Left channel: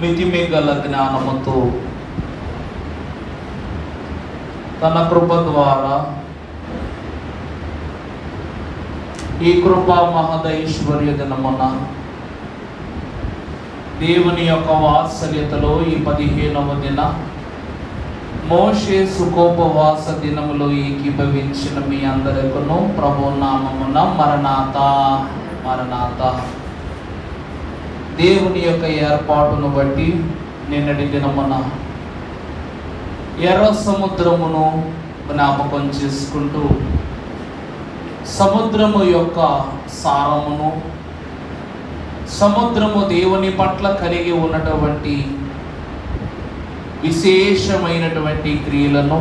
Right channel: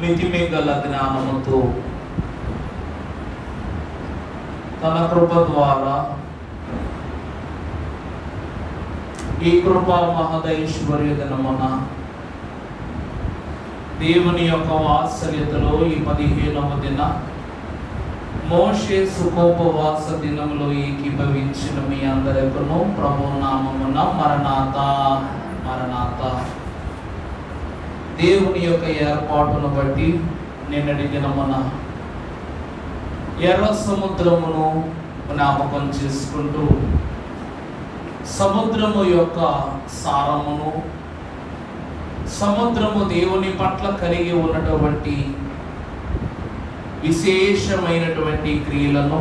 మితిమిగల జ్ఞానముతో తన కృప ద్వారా ఈ కృపా మహదైశ్వర్య దినమున దేవుని యొక్క వాత్సల్యతలో ఈ 15వ దిన మోషే సుఖోపవాస దినములో ఏకీభవించిన మీ అందరికను ప్రభు నామమున మరణాత మరణాత. దేవుని యొక్క ఏర్పాటును బట్టి నిన్నటి దినమున ఎర్ర సముద్రమును జ్ఞాపకం చేసుకుంటూ సముద్రము యొక్క సారమును, సముద్రము దేవుని పట్ల కలిగి ఉన్నటువంటి విశేషమైనటువంటి క్రియలను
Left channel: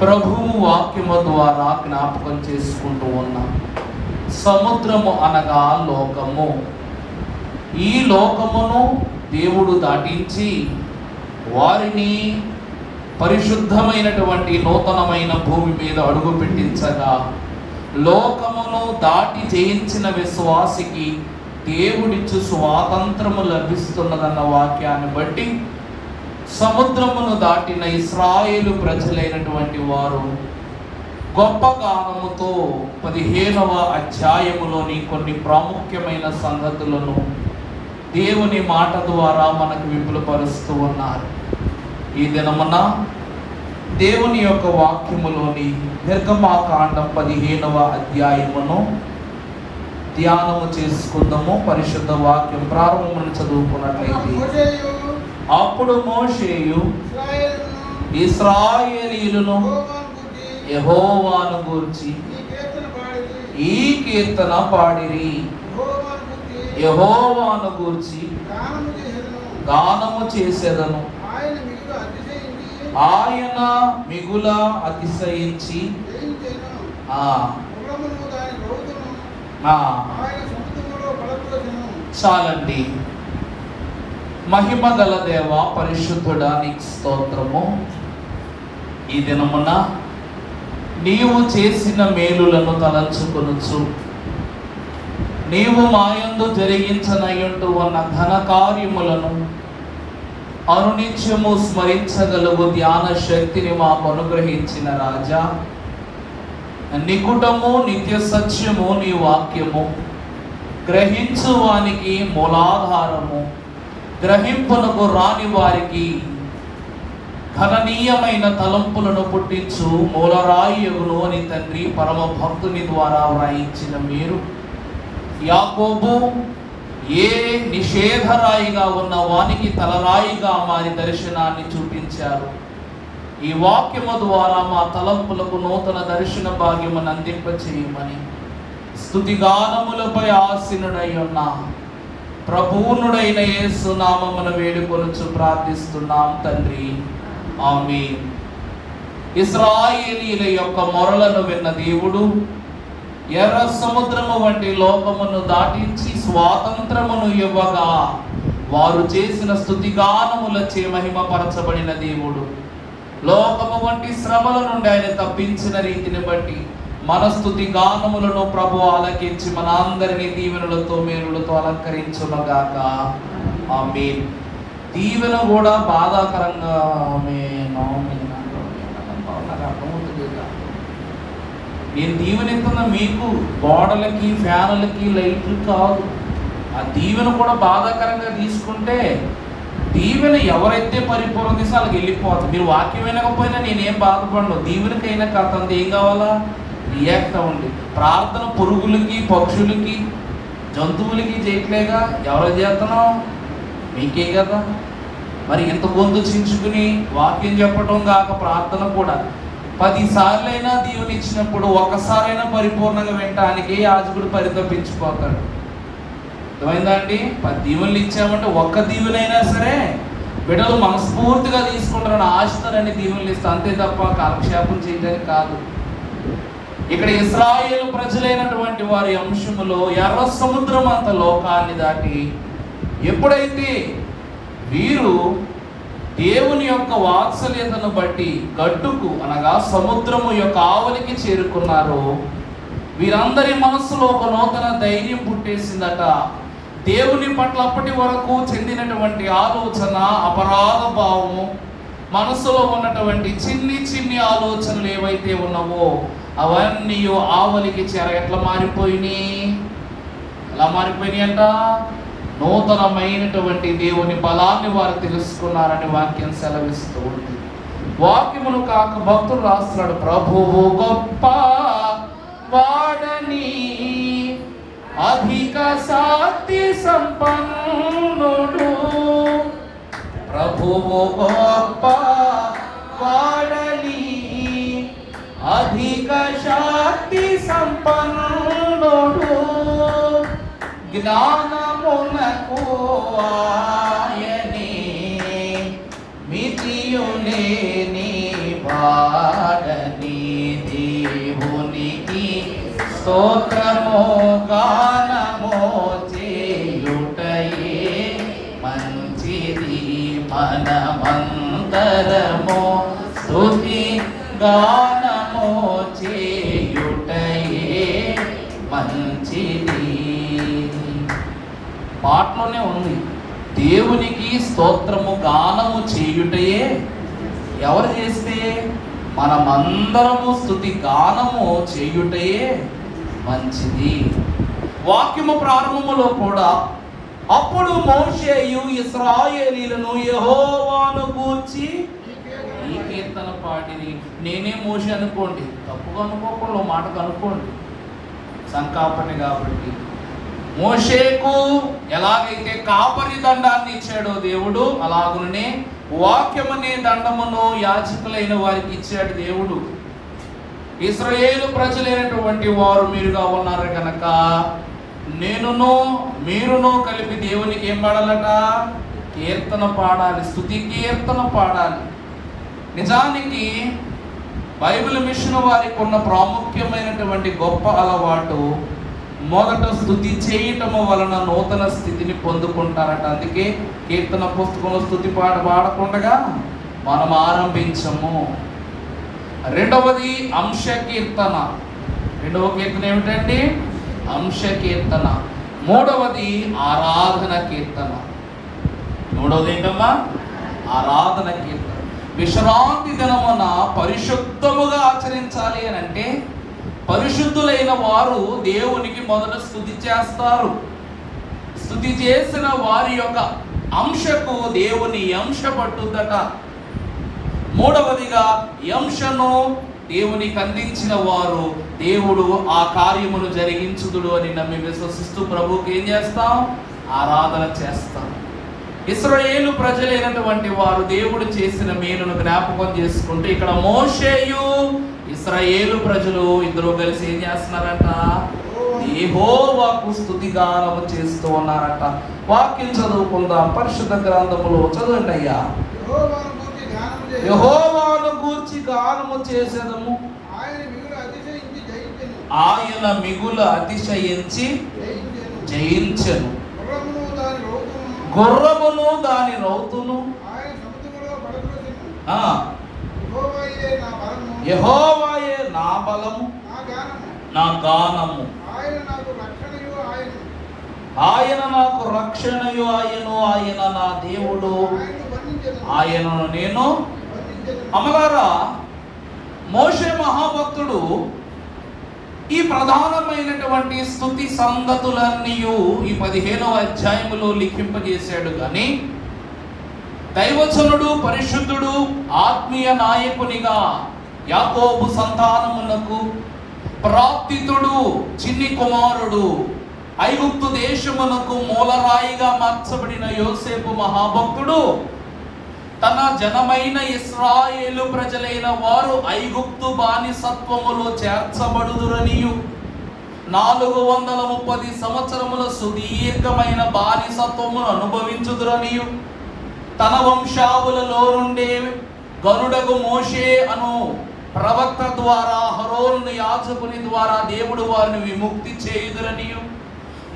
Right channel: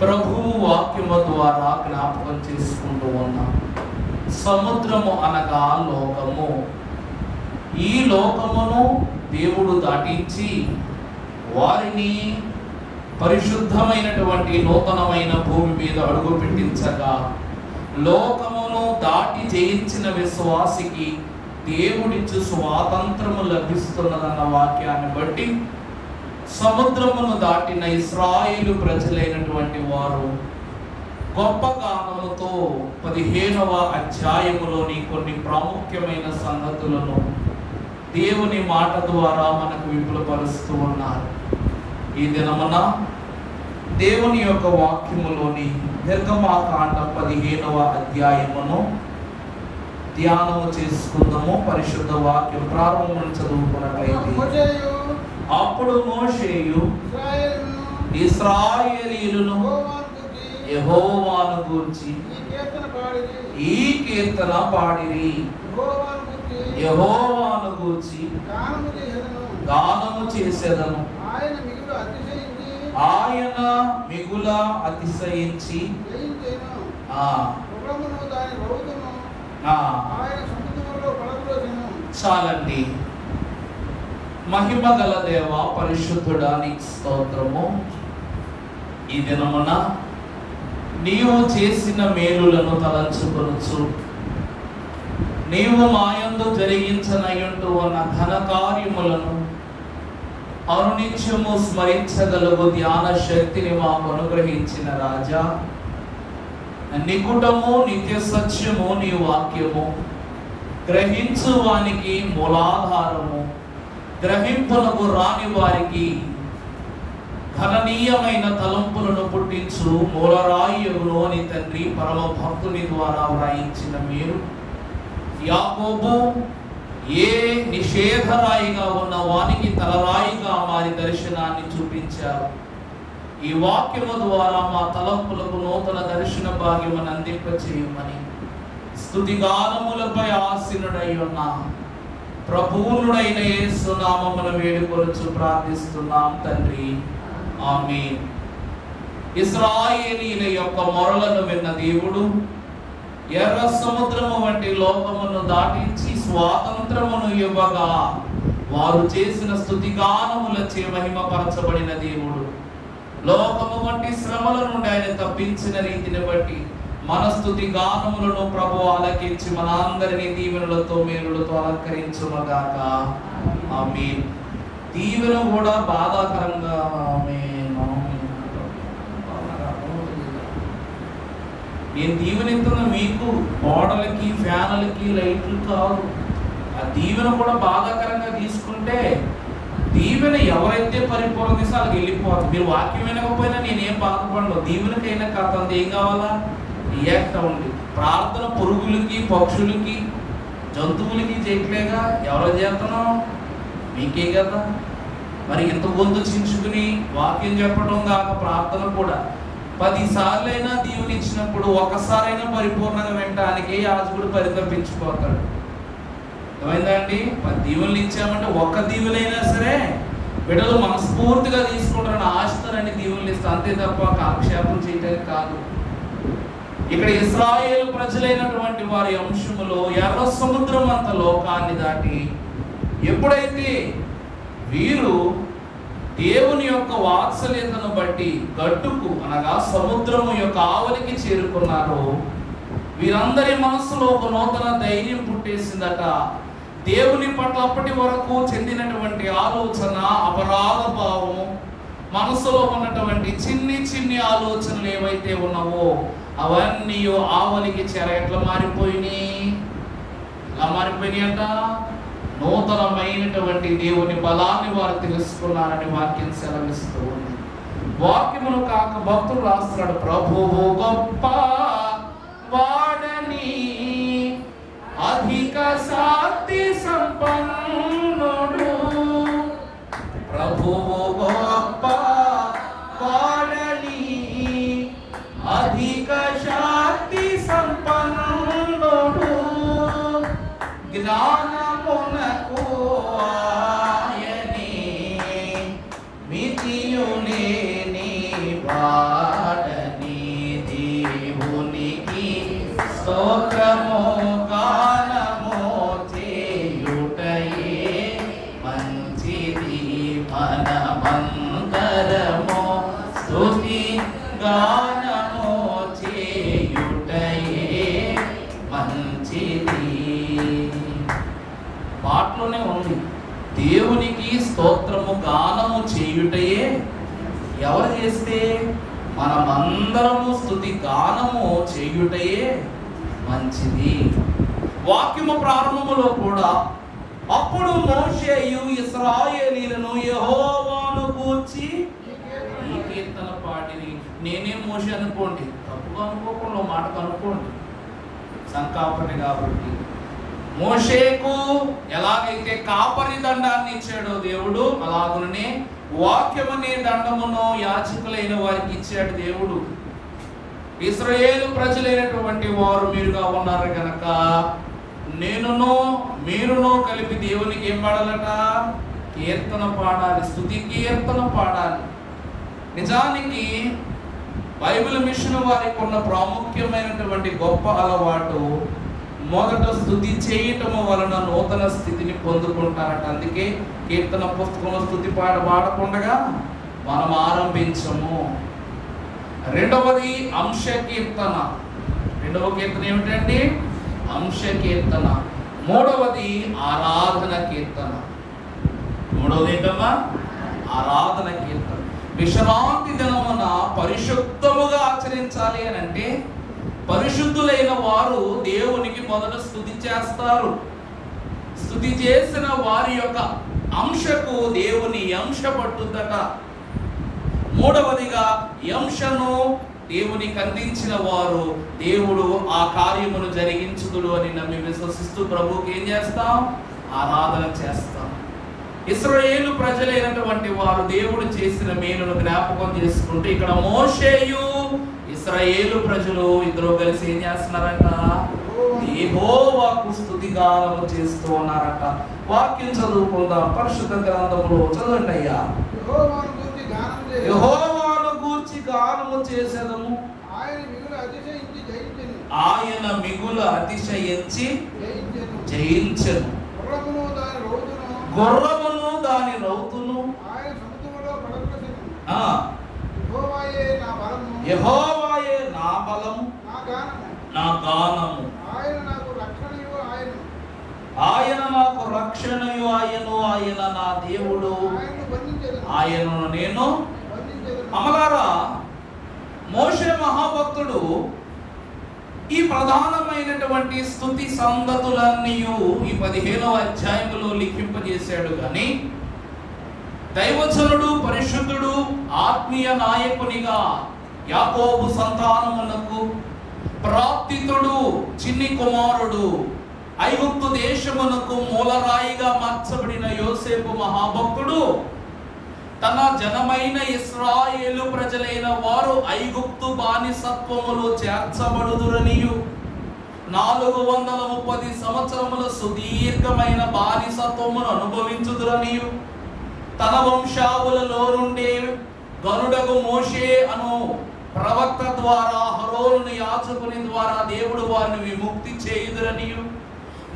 ప్రభువు వాక్యము ద్వారా జ్ఞాపకం చేసుకుంటూ ఉన్నాం. సముద్రము అనగా లోకము. ఈ లోకమును దేవుడు దాటించి వారిని పరిశుద్ధమైనటువంటి నూతనమైన భూమి మీద అడుగు పెట్టించగా, లోకమును దాటి జయించిన విశ్వాసికి దేవుడిచ్చు స్వాతంత్రము లభిస్తున్నదన్న వాక్యాన్ని బట్టి సముద్రమును దాటిన ఇశ్రాయేలు ప్రజలైనటువంటి వారు గొప్ప గానముతో 15వ అధ్యాయములోని కొన్ని ప్రాముఖ్యమైన సంగతులను దేవుని మాట ద్వారా మనకు విపులపరుస్తూ ఉన్నారు. ఈ దినమున దేవుని యొక్క వాక్యములోని నిర్గమాకాండ 15వ అధ్యాయమును ధ్యానము చేసుకుందాము. పరిశుద్ధ వాక్యం ప్రారంభం చదువుకున్నట్లయితే, అప్పుడు మోషేయు ఇశ్రాయేలీయులను యెహోవాను గూర్చి ఈ కీర్తన పాడిరి. యెహోవాను గూర్చి గానము చేసేదను, ఆయన మిగుల అతిశయించి చాలండి. మహిమ గల దేవ పరిశుద్ధుడా నీకు స్తోత్రము. ఈ దినమున నీవు చేసిన మేలులను తలంచుకొనుచు, నీవు మాయందు జరిగించనయ్యుంటూ ఉన్న ఘన కార్యములను అనునిత్యము స్మరించగలవు ధ్యాన శక్తిని మాకు అనుగ్రహించిన రాజా, నికుటము నిత్య సత్యము నీ వాక్యము, గ్రహించు వానికి మూలాధారము, గ్రహింపునకు రాని వారికి ఘననీయమైన తలంపులను పుట్టించు మూలరాయియును అని తండ్రి పరమ భక్తుని ద్వారా వ్రాయించిన మీరు యాకోబు ఏ నిషేధరాయిగా ఉన్న వానికి తలరాయిగా మారి దర్శనాన్ని చూపించారు. ఈ వాక్యము ద్వారా మా తలంపులకు నూతన దర్శన భాగ్యమును అందింపచేయమని స్తుతిగానములపై ఆసీనుడై ఉన్న ప్రభువునుడైన యేసు నామమున వేడుకొనుచు ప్రార్థిస్తున్నాం తండ్రి, ఆమేన్. ఇశ్రాయేలీయుల యొక్క మొరలను విన్న దేవుడు ఎర్ర సముద్రము వంటి లోకమును దాటించి స్వాతంత్రమును ఇవ్వగా వారు చేసిన స్తుతిగానములచే మహిమపరచబడిన దేవుడు లోకము వంటి శ్రమల నుండి ఆయన తప్పించిన రీతిని బట్టి మన స్తుతి గానములను ప్రభు ఆలకించి మన అందరినీ దీవెనలతో మేలులతో అలంకరించునుగాక, ఆమేన్. దీవెన కూడా బాధాకరంగా నేను దీవెనెత్తున్న మీకు గోడలకి ఫ్యాన్లకి లైట్లు కాదు. ఆ దీవెన కూడా బాధాకరంగా తీసుకుంటే దీవెన ఎవరైతే పరిపూర్ణ తీసి వాళ్ళకి వెళ్ళిపోతుంది. మీరు వాక్యం వినకపోయినా నేనేం బాధపడను. దీవెనకైనా కాదు, ఏం కావాలా? రియాక్ట్ అవ్వండి. ప్రార్థన పురుగులకి పక్షులకి జంతువులకి చేయట్లేగా, ఎవరో చేస్తున్నాం? మీకే కదా. మరి ఇంత గొంతు చించుకుని వాక్యం చెప్పడం కాక ప్రార్థన కూడా 10 సార్లైనా దీవెన ఇచ్చినప్పుడు ఒక్కసారైనా పరిపూర్ణంగా వినటానికి యాజకుడు పరితపించిపోతాడు. అర్థమైందండి? 10 దీవెనలు ఇచ్చామంటే ఒక్క దీవెనైనా సరే బిడ్డలు మనస్ఫూర్తిగా తీసుకుంటారని ఆశతోనని దీవెనలు ఇస్తా, అంతే తప్ప కాలక్షేపం చేయడానికి కాదు. ఇక్కడ ఇశ్రాయేలు ప్రజలైనటువంటి వారి అంశములో ఎర్ర సముద్రం అంత లోకాన్ని దాటి ఎప్పుడైతే వీరు దేవుని యొక్క వాత్సల్యతను బట్టి గట్టుకు అనగా సముద్రము యొక్క ఆవలికి చేరుకున్నారో వీరందరి మనసులో ఒక నూతన ధైర్యం పుట్టేసిందట. దేవుని పట్ల అప్పటి వరకు చెందినటువంటి ఆలోచన, అపరాధ భావం, మనసులో ఉన్నటువంటి చిన్ని చిన్ని ఆలోచనలు ఏవైతే ఉన్నావో అవన్నీ ఆవలికి చెర ఎట్లా మారిపోయినాయి? ఎలా మారిపోయినాయి అంట? నూతనమైనటువంటి దేవుని బలాన్ని వారు తెలుసుకున్నారని వాక్యం సెలవిస్తూ ఉంది. వాక్యములు కాక భక్తులు రాస్తున్నాడు, ప్రభువు గొప్ప వాడని, అధిక శక్తి సంపన్నుడు, ప్రభువు గొప్ప వాడని, అధిక శక్తి సంపన్నుడు, జ్ఞానమునకు ఆయనే మితియులేని వాడని, దేవునికి స్తోత్రము గానము చేయుటయే మంచిది, మనమంతరము స్తుతి గానము చేయుటయే మంచిది. పాటలోనే ఉంది, దేవునికి స్తోత్రము గానము చేయుటయే. ఎవరు చేస్తే? మనమందరము స్తుతి గానము చేయుటయే మంచిది. వాక్యము ప్రారంభములో కూడా అప్పుడు మోషేయు ఇశ్రాయేలీయులను యెహోవాను గూర్చి ఈ కీర్తన పాడిని. నేనే మోషే అనుకోండి, తప్పుగా అనుకోకుండా మాటకు అనుకోండి, సంకాపటి కాబట్టి. మోషేకు ఎలాగైతే కాపరి దండాన్ని ఇచ్చాడో దేవుడు, అలాగునే వాక్యమనే దండమును యాజకులైన వారికి ఇచ్చాడు దేవుడు. ఇశ్రాయేలు ప్రజలైనటువంటి వారు మీరుగా ఉన్నారు కనుక నేనును మీరును కలిపి దేవునికి ఏం పాడాలట? కీర్తన పాడాలి, స్తుతి కీర్తన పాడాలి. నిజానికి బైబిల్ మిషన్ వారికి ఉన్న ప్రాముఖ్యమైనటువంటి గొప్ప అలవాటు, మొదట స్తుతి చేయటము వలన నూతన స్థితిని పొందుకుంటారట. అందుకే కీర్తన పుస్తకంలో స్తుతి పాట పాడకుండా మనం ఆరంభించము. రెండవది అంశ కీర్తన. రెండవ కీర్తన ఏమిటండి? అంశ కీర్తన. మూడవది ఆరాధన కీర్తన. మూడవది ఏంటమ్మా? ఆరాధన కీర్తన. విశ్రాంతి దినమున పరిశుద్ధముగా ఆచరించాలి అని అంటే పరిశుద్ధులైన వారు దేవునికి మొదట స్తుతి చేస్తారు. స్తుతి చేసిన వారి యొక్క అంశకు దేవుని అంశ పట్టుదట. మూడవదిగా అంశను దేవునికి అందించిన వారు దేవుడు ఆ కార్యమును జరిగించుదుడు అని నమ్మి విశ్వసిస్తూ ప్రభువుకి ఏం చేస్తాం? ఆరాధన చేస్తాం. ఇశ్రాయేలు ప్రజలైనటువంటి వారు దేవుడు చేసిన మేలును జ్ఞాపకం చేసుకుంటూ ఇక్కడ మోషేయు ఇశ్రాయేలు ప్రజలు ఇద్దరు కలిసి ఏం చేస్తున్నారట? యెహోవాకు స్తుతి గానము చేస్తూ ఉన్నారట. వాక్యం చదువుకుందాం. పరిశుద్ధ గ్రంథములో చదవండి అయ్యా. యెహోవాను గూర్చి గానము చేసేదము, ఆయన మిగులు అతిశయించి జయించెను. గుర్రమును దాని రౌతును యెహోవాయే నా బలము నా గానము, ఆయన నాకు రక్షణయు ఆయను, ఆయన నా దేవుడు, ఆయనను నేను. అమలారా, మోషే మహాభక్తుడు ఈ ప్రధానమైనటువంటి స్తుతి సంగతులన్నీ ఈ 15వ అధ్యాయములో లిఖింపజేశాడు. కానీ దైవజనుడు, పరిశుద్ధుడు, ఆత్మీయ నాయకునిగా యాకోబు సంతానమునకు ప్రాప్తితుడు, చిన్ని కుమారుడు, ఐగుప్తు దేశమునకు మూలరాయిగా మార్చబడిన యోసేపు మహాభక్తుడు తన జనమైన ఇశ్రాయేలు ప్రజలైన వారు ఐగుప్తు బానిసత్వములో చేర్చబడుదురనియు 430 సంవత్సరముల సుదీర్ఘమైన బానిసత్వమును అనుభవించుదురనియు తన వంశావులలో నుండే గనుడగు మోషే అను ప్రవక్త ద్వారా అహరోను యాజకుని ద్వారా దేవుడు వారిని విముక్తి చేయుదురనియు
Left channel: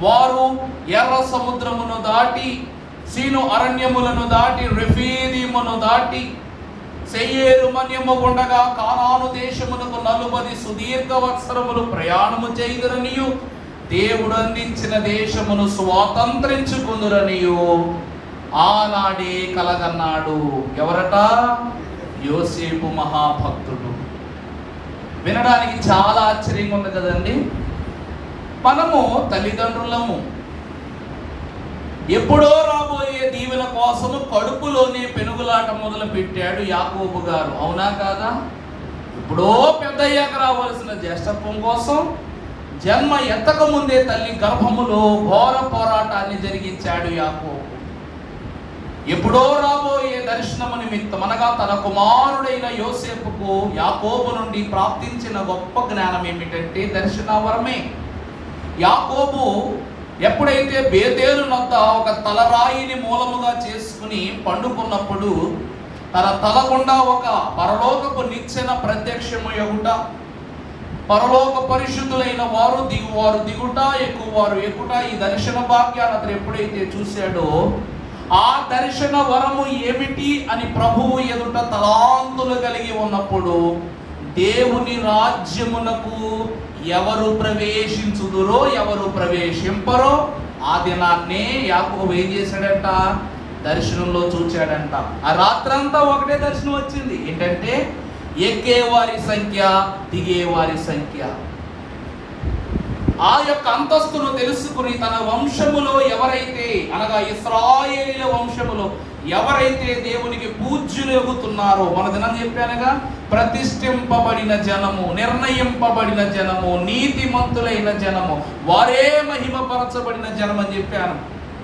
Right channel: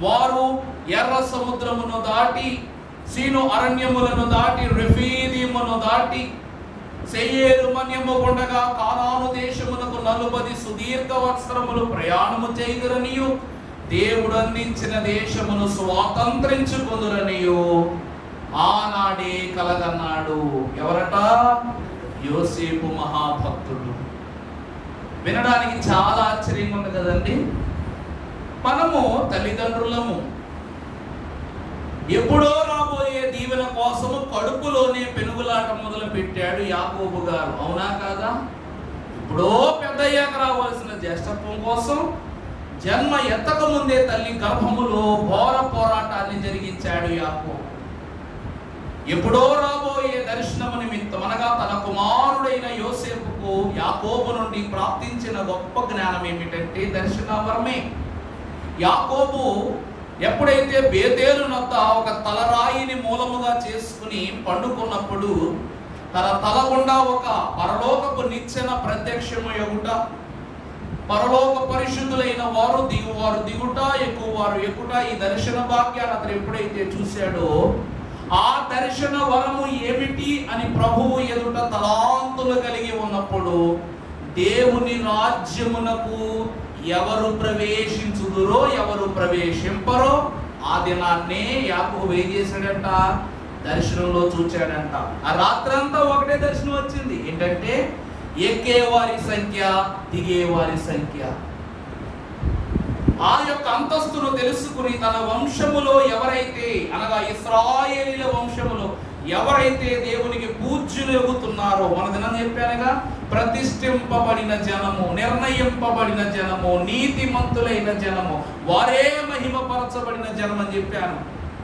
వారు ఎర్ర సముద్రమును దాటి సీను అరణ్యములను దాటి రెఫీదీమును దాటి సెయేరు మన్యము గుండగా కానాను దేశమునకు 40 సుదీర్ఘ వత్సరములు ప్రయాణము చేయుదురనియు దేవుడు అందించిన దేశమును స్వాతంత్రించుకుందురనియు ఆనాడే కలగన్నాడు. ఎవరట? యోసేపు మహాభక్తుడు. వినడానికి చాలా ఆశ్చర్యంగా ఉంది కదండి. మనము తల్లిదండ్రులము, ఎప్పుడో రాబోయే దీవెన కోసము కడుపులోనే పెనుగులాట మొదలు పెట్టాడు యాకోబు గారు. అవునా కాదా? ఎప్పుడో పెద్దయ్యాక రావాల్సిన జ్యేష్ఠత్వం కోసం జన్మ ఎత్తక ముందే తల్లి గర్భములో ఘోర పోరాటాన్ని జరిగించాడు యాకోబు. ఎప్పుడో రాబోయే దర్శనము నిమిత్తం అనగా తన కుమారుడైన యోసేపుకు యాకోబు నుండి ప్రాప్తించిన గొప్ప జ్ఞానం ఏమిటంటే దర్శనవరమే. యాకోబు ఎప్పుడైతే బేతేలు నొద్ద ఒక తలరాయిని మూలముగా చేసుకుని పండుకున్నప్పుడు తన తల గుండా ఒక పరలోకపు నిచ్చెన ప్రత్యక్షము ఎగుట, పరలోక పరిశుద్ధులైన వారు దిగుట, ఎక్కువారు ఎక్కుట, ఈ దర్శన భాగ్యాన్ని అతను ఎప్పుడైతే చూశాడో ఆ దర్శన వరము ఏమిటి అని ప్రభువు ఎదుట తలాంతులు కలిగి ఉన్నప్పుడు దేవుని రాజ్యమునకు ఎవరు ప్రవేశించుదురో ఎవరు ప్రవేశింపరో ఆ దినాన్నే యాకోబు ఏం చేశాడంట? దర్శనంలో చూచాడంట. ఆ రాత్రంతా ఒకటే దర్శనం వచ్చింది. ఏంటంటే ఎక్కేవారి సంఖ్య, దిగేవారి సంఖ్య. ఆ యొక్క అంతస్తును తెలుసుకుని తన వంశములో ఎవరైతే అనగా ఇశ్రాయేలీల వంశములో ఎవరైతే దేవునికి పూజ్యులు ఎగుతున్నారో, మన దినం చెప్పానుగా, ప్రతిష్ఠింపబడిన జనము, నిర్ణయింపబడిన జనము, నీతిమంతులైన జనము, వారే మహిమపరచబడిన జనం అని చెప్పాను.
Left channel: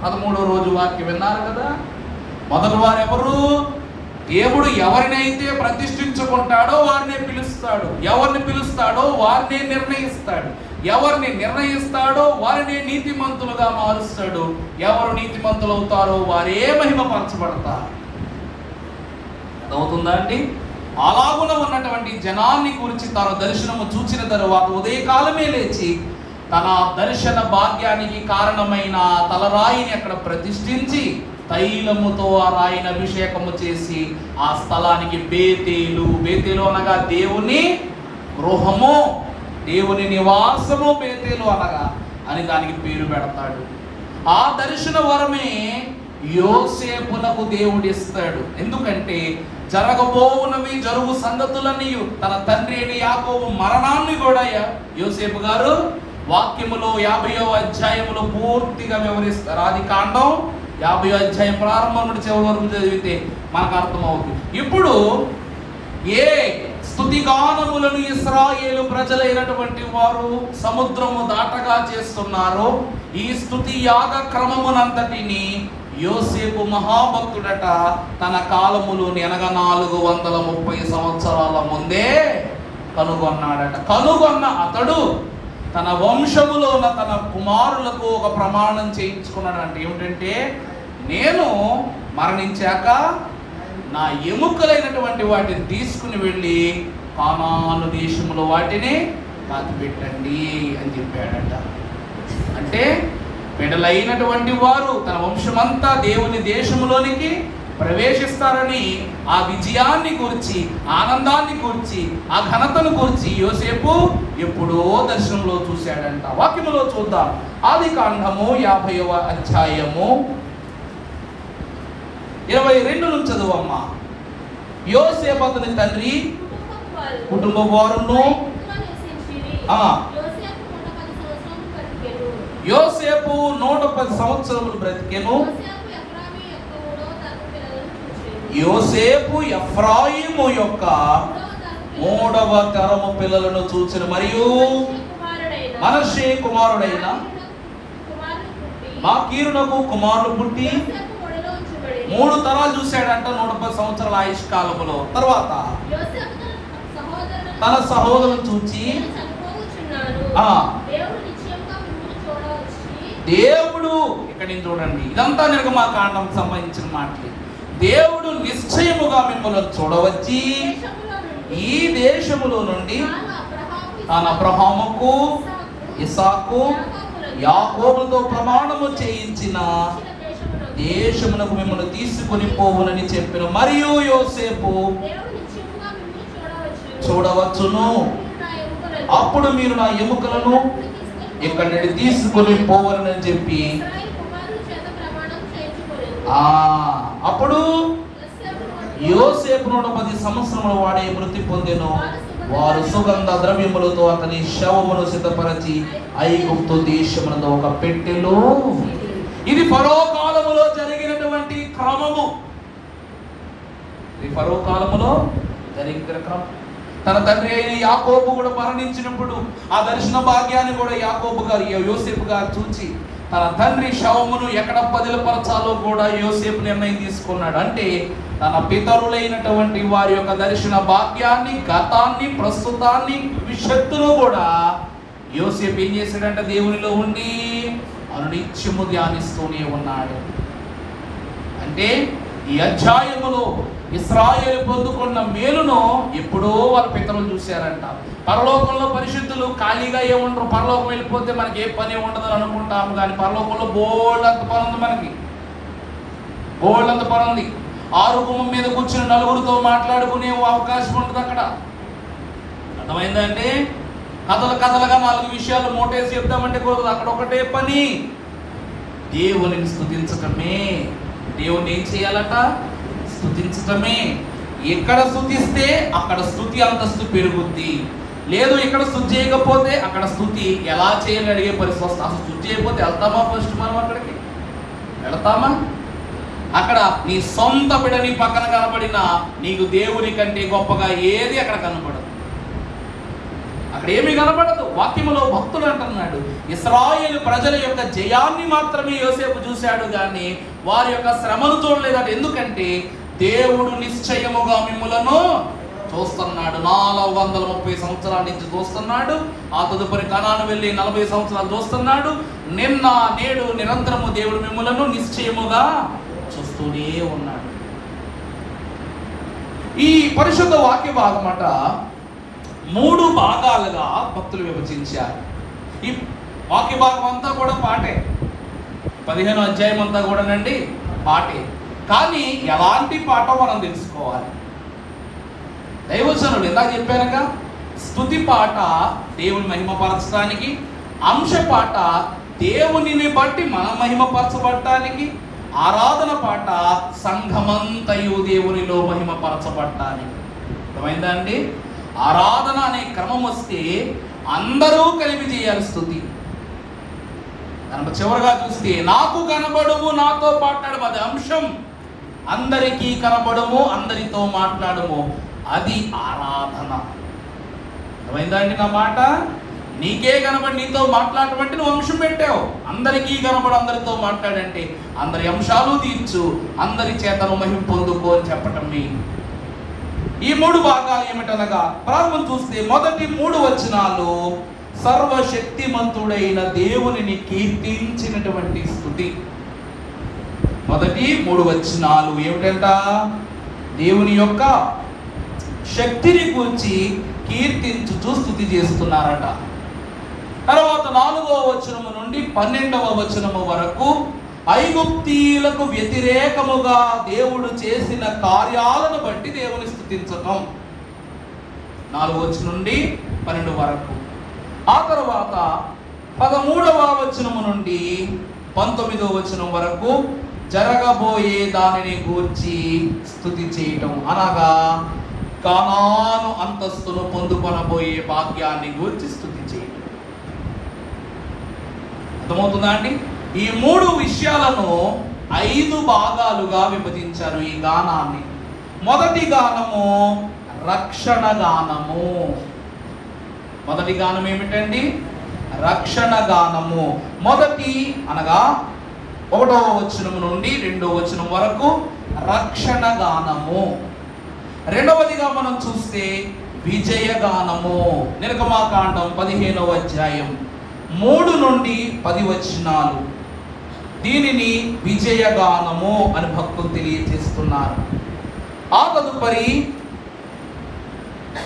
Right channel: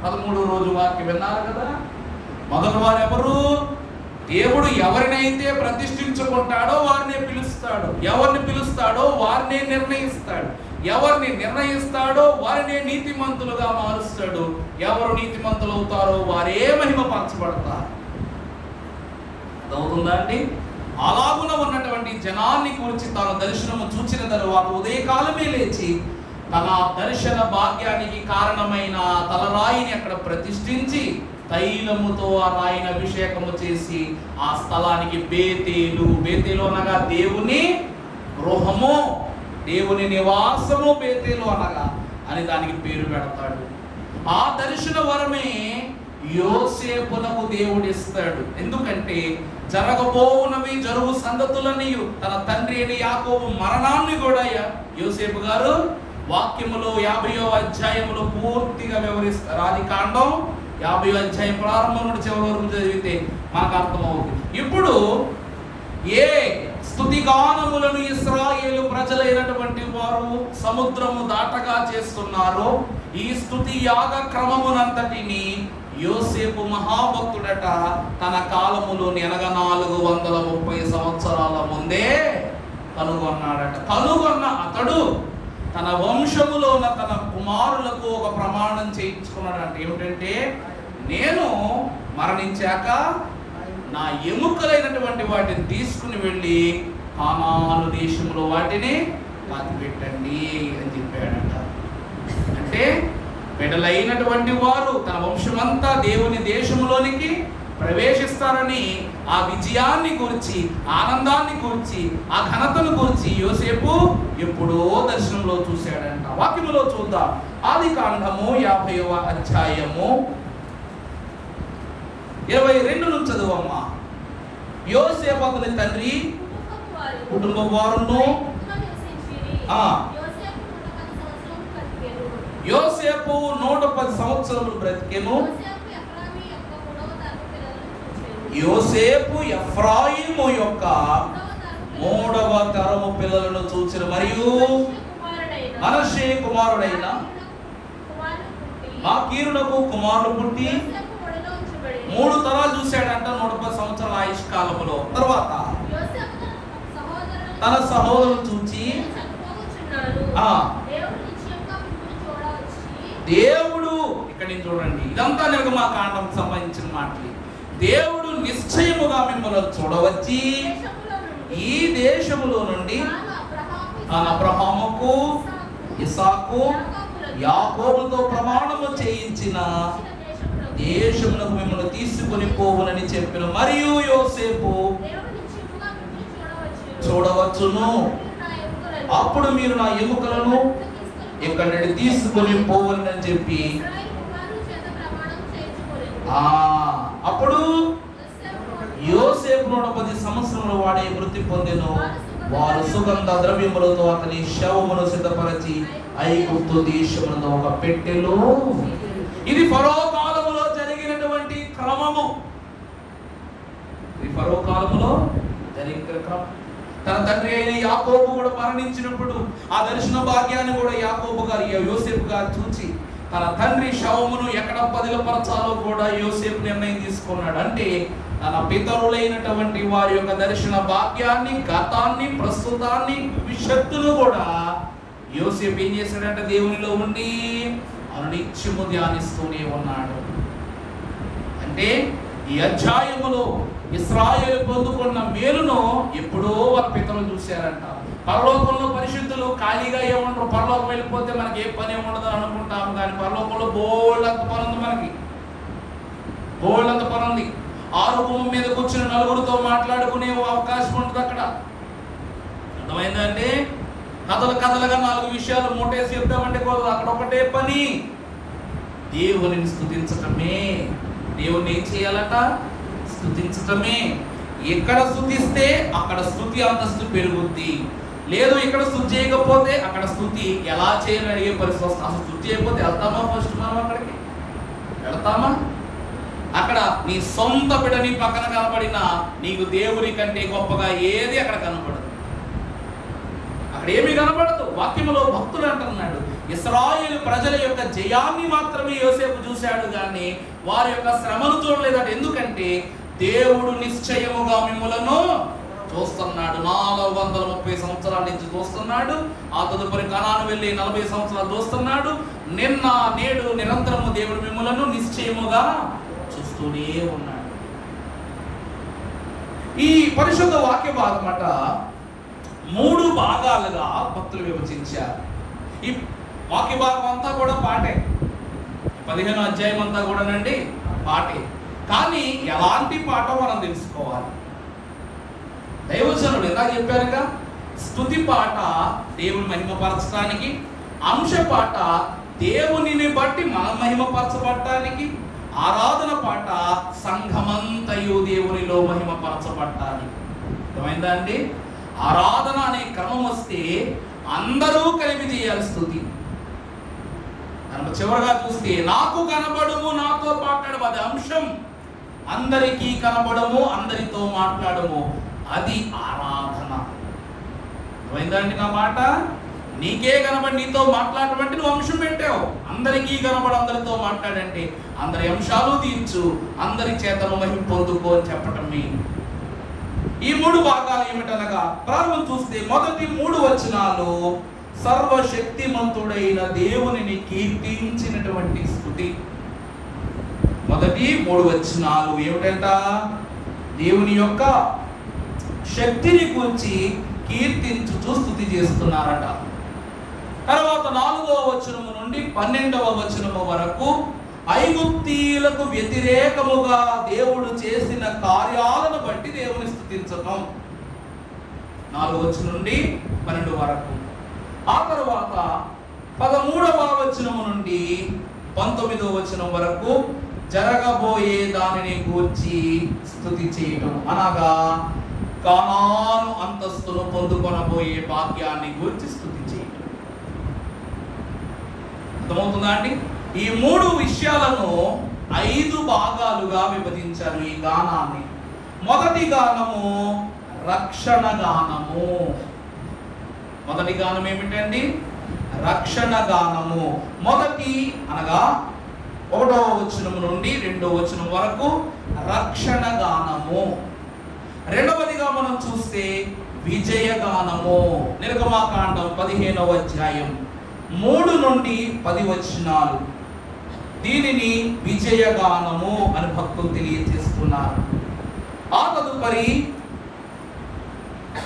13వ రోజు వాక్యం విన్నారు కదా. మొదటి వారు ఎవరు? దేవుడు ఎవరినైతే ప్రతిష్ఠించుకుంటాడో వారినే పిలుస్తాడు, ఎవరిని పిలుస్తాడో వారినే నిర్ణయిస్తాడు, ఎవరిని నిర్ణయిస్తాడో వారినే నీతిమంతులుగా మారుస్తాడు, ఎవరు నీతిమంతులు అవుతారో వారే మహిమపరచబడతారు. అవుతుందా అండి? అలాగున ఉన్నటువంటి జనాన్ని గురించి తాను దర్శనము చూచిన తరువాత ఉదయకాలమే లేచి తన దర్శన భాగ్యానికి కారణమైన తలరాయిని అక్కడ ప్రతిష్ఠించి తైలముతో ఆ రాయిని అభిషేకము చేసి ఆ స్థలానికి బేతేలు అనగా దేవుని గృహము, దేవుని నివాసము, బేతేలు అనగా అని దానికి పేరు పెడతాడు. ఆ దర్శన వరమే యోసేపునకు దేవుడిస్తాడు. ఎందుకంటే జరగబోవునవి జరుగు సంగతులని తన తండ్రి అయిన యాకోబు మరణాన్ని కూడా యోసేపు గారు వాక్యములో 50వ అధ్యాయములో పూర్తిగా వివరిస్తారు. ఆదికాండం 50వ అధ్యాయం ప్రారంభం నుండి చివరి వరకు చదివితే మనకు అర్థమవుతుంది. ఇప్పుడు ఏ స్తుతిగానములను ఇశ్రాయేలు ప్రజలైనటువంటి వారు సముద్రము దాటగా చేస్తున్నారో ఈ స్తుతి యాగ క్రమమునంతటిని యోసేపు మహాభక్తుడట తన కాలములోని అనగా 430 సంవత్సరాల ముందే కనుగొన్నాడట. కనుగొన్న అతడు తన వంశములో ఉన్న తన కుమారులకు ఒక ప్రమాణం చేయించుకున్నాడంట. ఏమిటంటే, నేను మరణించాక నా ఎముకలైనటువంటి వాటిని తీసుకుని వెళ్ళి కానాను దేశంలో వాటిని పాతిపెట్టండి అని చెప్పాడట. అంటే పెడలైనటువంటి వారు తన వంశమంతా దేవుని దేశంలోనికి ప్రవేశిస్తారని ఆ విజయాన్ని గురించి, ఆనందాన్ని గురించి, ఆ ఘనతను గురించి యోసేపు ఎప్పుడో దర్శనంలో చూశాడంట. వాక్యములో చూద్దాం. ఆదికాండము 50వ అధ్యాయము 22 నుంచి చదువమ్మా. యోసేపు అతని తండ్రి కుటుంబ వారును యోసేపు 110 సంవత్సరములు బ్రతికెను. యోసేపు ఎఫ్రాయిము యొక్క 3వ తరము పిల్లలను చూసిన మరియు మనష్షే కుమారుడైన మాకీరునకు కుమారులు పుట్టి 3 తరాలు చూశాడంట 110 సంవత్సరాల ఆయుష్ కాలములో. తర్వాత తన సహోదరులను చూచి దేవుడు, ఇక్కడ నేను చూడండి, ఇదంతా నిర్గమాకాండంకి సంబంధించిన మాటలు. దేవుడు నిశ్చయముగా మిమ్మల్ని చూడవచ్చి ఈ దేశములో నుండి తన అబ్రహాముకు, ఇస్సాకు, యాకోబులతో ప్రమాణము చేయించిన దేశమునకు మిమ్మల్ని తీసుకుని పోవునని చెప్పిన. మరియు యోసేపు చూడవచ్చును, అప్పుడు మీరు నా ఎముకలను ఇక్కడ నుండి తీసుకొని పోవాలని చెప్పి అప్పుడు యోసేపు 110 సంవత్సరముల వాడే మృతి పొందెను. వారు సుగంధ ద్రవ్యములతో అతని శవమును సిద్ధపరచి ఐగుప్తు దేశమునందు ఒక పెట్టెలో. ఇది ఫరో కాలములో జరిగినటువంటి క్రమము. ఇది ఫరో కాలములో జరిగిన క్రమం. తన తండ్రి అయిన యాకోబు కూడా మరణించినప్పుడు ఆ దర్శన భాగ్యాన్ని కూడా యాకోబు గారు, యోసేపు గారు చూచి తన తండ్రి శవమును ఎక్కడ పదిలపరచాలో కూడా యోసేపు నిర్ణయం తీసుకున్నాడు. అంటే తన పితరులైనటువంటి వారి యొక్క దర్శన భాగ్యాన్ని, గతాన్ని, ప్రస్తుతాన్ని, భవిష్యత్తును కూడా యోసేపు ఏం చేశాడంటే దేవునిలో ఉండి అనునిత్యము ధ్యానిస్తూనే ఉన్నాడు. అంటే ఈ అధ్యాయములో ఇశ్రాయేలు పొందుకున్న మేలును ఎప్పుడో వాళ్ళ పితరులు చూశారంట. పరలోకంలో పరిశుద్ధులు ఖాళీగా ఏముండరు. పరలోకం వెళ్ళిపోతే మనకి ఏ పని ఉండదని అనుకుంటాము, కానీ పరలోకంలో బోల్డంత పని ఉంది. మనకి బోల్డంత పని ఉంది. ఆరు గుమ్మం మీద కూర్చుని నలుగురితో మాట్లాడుకునే అవకాశం ఉంటుంది అక్కడ. అర్థమైందంటే కథలుగా 4 విషయాలు మోటేసి చెప్తామంటే కుదరదు. అక్కడ ఒకటే పని, దేవుని స్తుతించటమే. దేవుణ్ణి ఏం చేయాలట? స్తుతించటమే. ఎక్కడ స్తుతిస్తే అక్కడ స్తుతి అంతస్తు పెరుగుద్ది. లేదు ఇక్కడ స్తుతి చేయకపోతే అక్కడ స్తుతి ఎలా చేయాలని అడిగే పరిస్థితి వస్తుంది. అసలు స్తుతి చేయకపోతే వెళ్తామా? ఫస్ట్ మనం అక్కడికి వెళ్తామా? అక్కడ నీ సొంత బిడ్డ నీ పక్కన కనబడినా నీకు దేవుని కంటే గొప్పగా ఏది అక్కడ కనబడదు. అక్కడ ఏమీ కనబడదు. వాక్యములో భక్తులు అంటున్నాడు, ఇశ్రాయేలు ప్రజల యొక్క జయాన్ని మాత్రమే యోసేపు చూశాడు, కానీ వారి యొక్క శ్రమను చూడలేదట. ఎందుకంటే దేవుడు నిశ్చయముగా మిమ్ములను చూస్తున్నాడు. 430 సంవత్సరాల నుంచి చూస్తున్నాడు. ఆ తదుపరి కనాను వెళ్ళి 40 సంవత్సరాలు చూస్తున్నాడు. నిన్న నేడు నిరంతరము దేవుడు మిమ్ములను నిశ్చయముగా చూస్తూనే ఉన్నాడు. ఈ పరిశుద్ధ వాక్య భాగమట 3 భాగాలుగా భక్తులు విభజించారు. ఈ వాక్య భాగం అంతా కూడా పాటే. 15వ అధ్యాయం అంతా కూడానండి పాటే. కానీ ఎలాంటి పాట మనం తెలుసుకోవాలి. దైవజనుడు ఎలా చెప్పారుగా, స్తుతి పాట దేవుని మహిమపరచడానికి, అంశ పాట దేవునిని బట్టి మనం మహిమపరచబడటానికి, ఆరాధన పాట సంఘమంతయు దేవునిలో మహిమపరచబడటానికి. అర్థమైందా అండి? ఆరాధన అనే క్రమం వస్తే అందరూ కలిపి చేయాలి స్తుతి. కనుక చివరిగా చూస్తే నాకు కనబడము, నాతో మాట్లాడము, అది అంశం. అందరికీ కనబడము, అందరితో మాట్లాడము, అది ఆరాధన. అర్థమైందా అండి నా మాట? నీకే కనబడి నీతో మాట్లాడమంటే నువ్వు అంశం పెట్టావు. అందరికీ కనబడి అందరితో మాట్లాడంటే అందరి అంశాలు తీర్చు, అందరి చేతను మహిమ పొందుకో అని చెప్పటం మీ. ఈ 3 భాగాలు ఏమిటనగా, ప్రారంభం చూస్తే మొదటి 3 వచనాలు సర్వశక్తిమంతుడైన దేవునిని కీర్తించినటువంటి స్తుతి. మొదటి 3 వచనాలు ఏమిటంట? దేవుని యొక్క శక్తిని గురించి కీర్తించుచు స్తుతి చేస్తున్నారట. తర్వాత 4వ వచనము నుండి 12వ వచనము వరకు ఐగుప్తీయులకు వ్యతిరేకముగా దేవుడు చేసిన కార్యాలను బట్టి దేవుని స్తుతించటం. 4వ వచనం నుండి 12 వరకు. ఆ తర్వాత 13వ వచనము నుండి 19వ వచనం వరకు జరగబోయే దానిని గూర్చి స్తుతి చేయటం. అనగా కానాను అంతస్తును పొందుకొనబోయే భాగ్యాన్ని గూర్చి స్తుతి చేయటం. అర్థమవుతుందా అండి? ఈ 3 విషయాలను 5 భాగాలుగా విభజించారు ఈ గానాన్ని. మొదటి గానము రక్షణ గానము. మొదటి గానం ఏమిటండి? రక్షణ గానము. మొదటి అనగా 1వ వచనం నుండి 2వ వచనం వరకు రక్షణ గానము. రెండవదిగా మనం చూస్తే విజయగానము. నిర్గమాకాండం 15వ అధ్యాయం 3 నుండి 10 వచనాలు. దీనిని విజయగానము అని భక్తులు తెలియజేస్తున్నారు. ఆ తదుపరి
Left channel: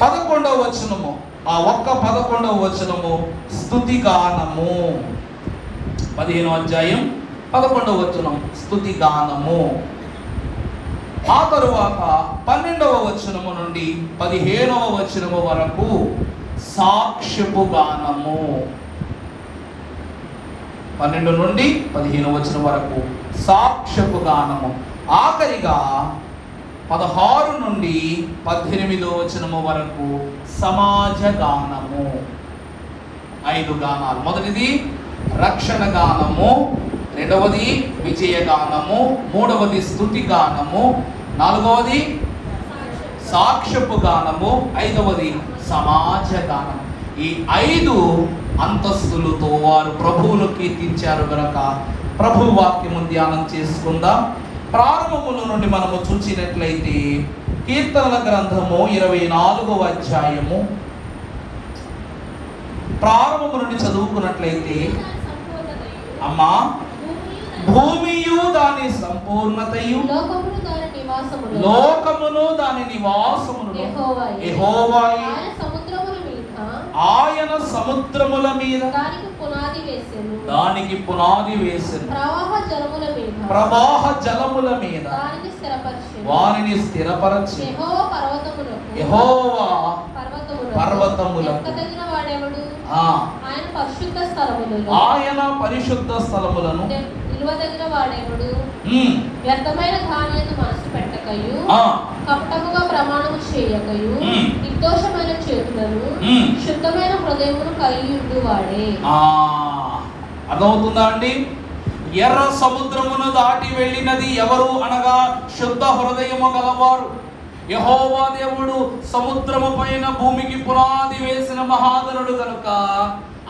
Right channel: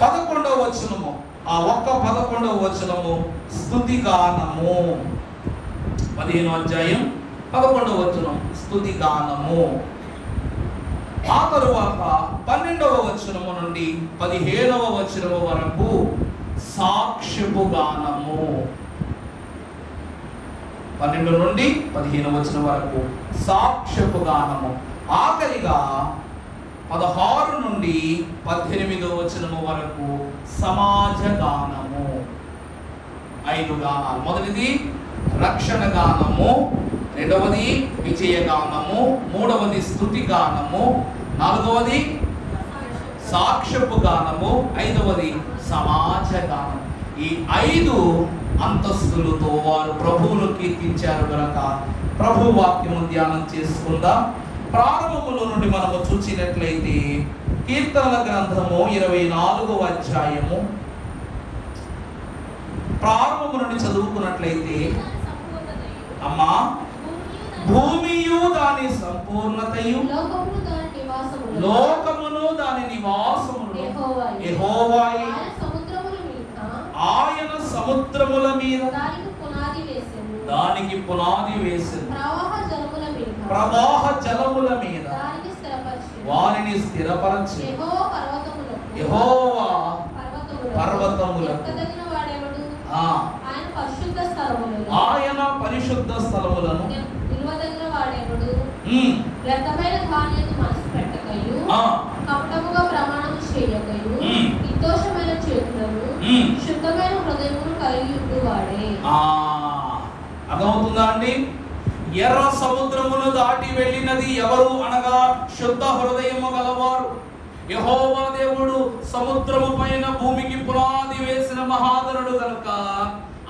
11వ వచనము, ఆ ఒక్క 11వ వచనము స్తుతి గానము. 15వ అధ్యాయం 11వ వచనం స్తుతి గానము. ఆ తరువాత 12వ వచనము నుండి 15వ వచనము వరకు సాక్ష్యపు గానము. 12 నుండి 15 వచనం వరకు సాక్ష్యపు గానము. ఆఖరిగా 16 నుండి 18 వచనము వరకు సమాజ గానము. 5 గానాలు. మొదటిది రక్షణ గానము, రెండవది విజయ గానము, మూడవది స్తుతి గానము, నాలుగవది సాక్ష్యపు గానము, ఐదవది సమాజ గానం. ఈ 5 అంతస్తులతో వారు ప్రభువును కీర్తించారు గనక ప్రభు వాక్యము ధ్యానం చేసుకుందాం. ప్రారంభముల నుండి మనము చూసినట్లయితే కీర్తనల గ్రంథము 24వ అధ్యాయము ప్రారంభము నుండి చదువుకున్నట్లయితే, అమ్మా భూమియు దాని సంపూర్ణతయు లోకమును దాని నివాసమును యెహోవాయే, ఆయన సముద్రముల మీద దానికి పునాది వేసెను, ప్రవాహ జలముల మీద వారిని స్థిరపరచెను. యెహోవా పర్వతములకు ఆయన పరిశుద్ధ స్థలములను వ్యర్థమైన ధాన్యము మనసు పెట్టకయు కపటముగా ప్రమాణము చేయకయు నిర్దోషమైన చేతులను శుద్ధమైన హృదయమును కలిగి ఉండువాడే. అర్థమవుతుందా అండి? ఎర్ర సముద్రమును దాటి వెళ్ళినది ఎవరు అనగా శుద్ధ హృదయము గలవారు. యెహోవా దేవుడు సముద్రము పైన భూమికి పునాది వేసిన మహాగణుడు కనుక,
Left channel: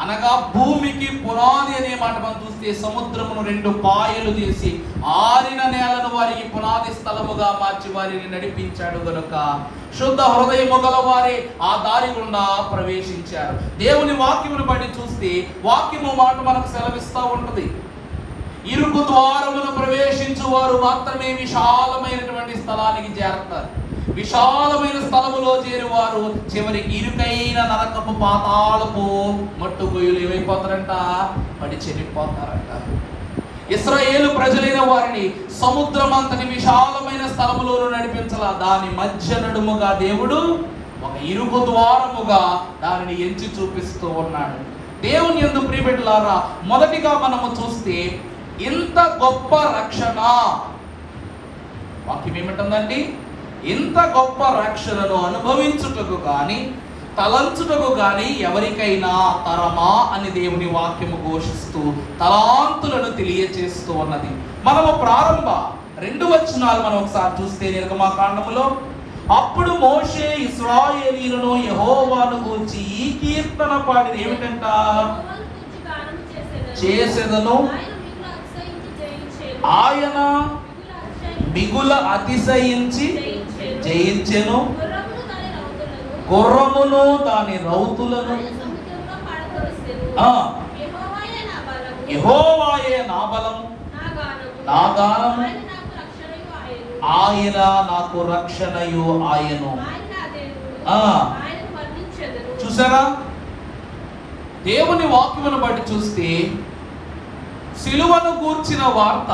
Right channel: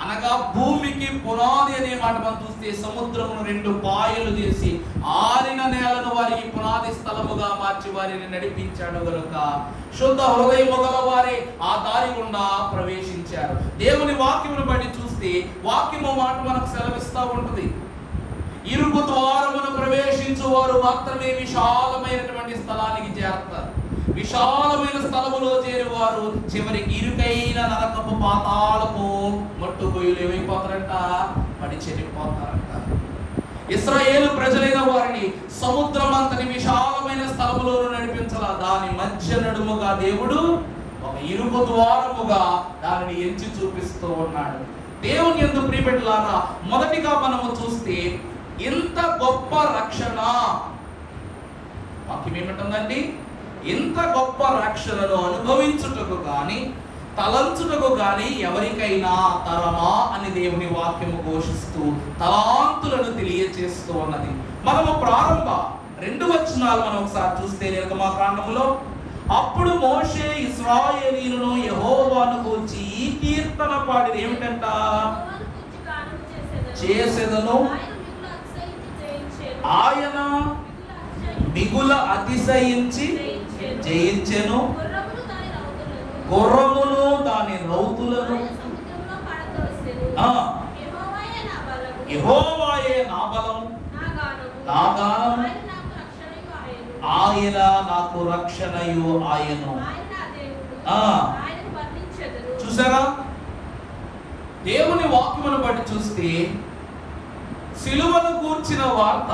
అనగా భూమికి పునాది అనే మాట మనం చూస్తే సముద్రమును 2 పాయలు చేసి ఆరిన నేలను వారికి పునాది స్థలముగా మార్చి వారిని నడిపించాడు గనుక శుద్ధ హృదయము గల వారే ఆ దారి గుండా ప్రవేశించారు. దేవుని వాక్యమును బట్టి చూస్తే వాక్యము మాట మనకు సెలవిస్తూ ఉంటది. ఇరుకు ద్వారమును ప్రవేశించు వారు మాత్రమే విశాలమైనటువంటి స్థలానికి చేరతారు. విశాలమైన స్థలములో చేరువారు చివరికి ఇరుకైన నరకపు పాతాళపు మట్టుగొయ్యలు ఏమైపోతారంట? పడి చెడిపోతారంట. ఇశ్రాయేలు ప్రజలైన వారిని సముద్రం అంతటి విశాలమైన స్థలములోను నడిపించాల. దాని మధ్య నడుముగా దేవుడు ఒక ఇరుకు ద్వారముగా దానిని ఎంచి చూపిస్తూ ఉన్నాడు. దేవుని యందు ప్రియబిడ్డలారా, మొదటిగా మనము చూస్తే ఇంత గొప్ప రక్షణ వాక్యం ఏమిటందండి? ఇంత గొప్ప రక్షణను అనుభవించుటకు గాని తలంచుటకు గాని ఎవరికైనా తరమా అని దేవుని వాక్యము ఘోషిస్తూ తలాంతులను తెలియచేస్తూ ఉన్నది. మనము ప్రారంభ 2 వచనాలు మనం ఒకసారి చూస్తే నిర్గమకాండములో, అప్పుడు మోషే ఇశ్రాయేలీయులను యెహోవాను గూర్చి ఈ కీర్తన పాడిన ఏమిటంట? చేసెదను ఆయన మిగుల అతిశయించి జయించెను, గుర్రమును దాని రౌతులను యెహోవాయే నా బలము నా గానము, ఆయన నాకు రక్షణయు ఆయను. చూసారా? దేవుని వాక్యమును బట్టి చూస్తే సిలువను గూర్చిన వార్త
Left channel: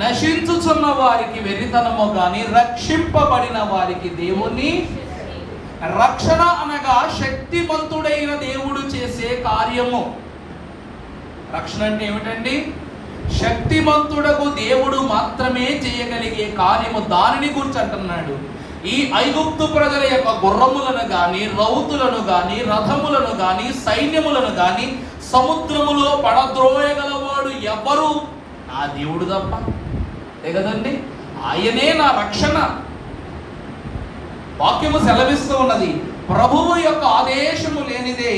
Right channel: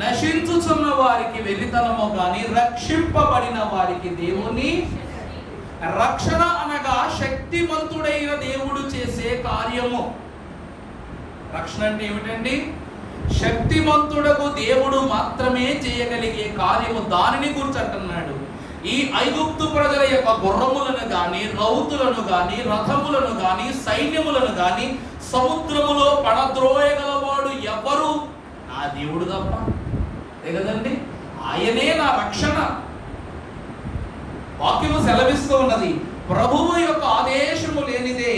నశించుచున్న వారికి వెర్రితనము గాని రక్షింపబడిన వారికి దేవుని రక్షణ అనగా శక్తిమంతుడైన దేవుడు చేసే కార్యము. రక్షణ అంటే ఏమిటండి? శక్తిమంతుడకు దేవుడు మాత్రమే చేయగలిగే కార్యము. దానిని గురించి అంటున్నాడు. ఈ ఐగుప్తు ప్రజల యొక్క గుర్రములను గాని రౌతులను గాని రథములను గాని సైన్యములను గాని సముద్రములో పడద్రోయగలవాడు ఎవరు? నా దేవుడు తప్ప. కదండి, ఆయనే నా రక్షణ. వాక్యము సెలవిస్తూ ఉన్నది. ప్రభువు యొక్క ఆదేశము లేనిదే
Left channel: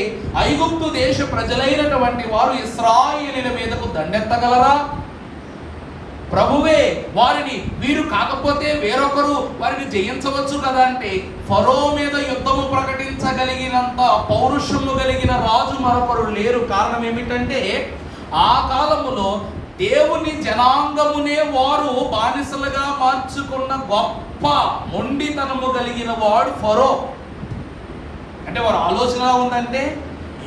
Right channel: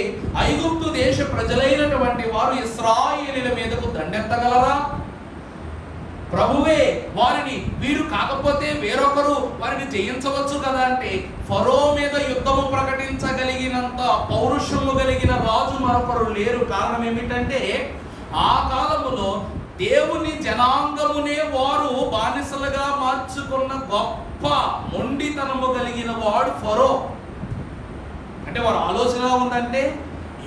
ఐగుప్తు దేశ ప్రజలైనటువంటి వారు ఇశ్రాయేలీయుల మీదకు దండెత్తగలరా? ప్రభువే వారిని, వీరు కాకపోతే వేరొకరు వారిని జయించవచ్చు కదా అంటే, ఫరో మీద యుద్ధము ప్రకటించగలిగినంత పౌరుషము కలిగిన రాజు మరొకరు లేరు. కారణం ఏమిటంటే, ఆ కాలములో దేవుని జనాంగమునే వారు బానిసలుగా మార్చుకున్న గొప్ప మొండితనము కలిగిన వాడు ఫరో. అంటే వారి ఆలోచన ఉందంటే,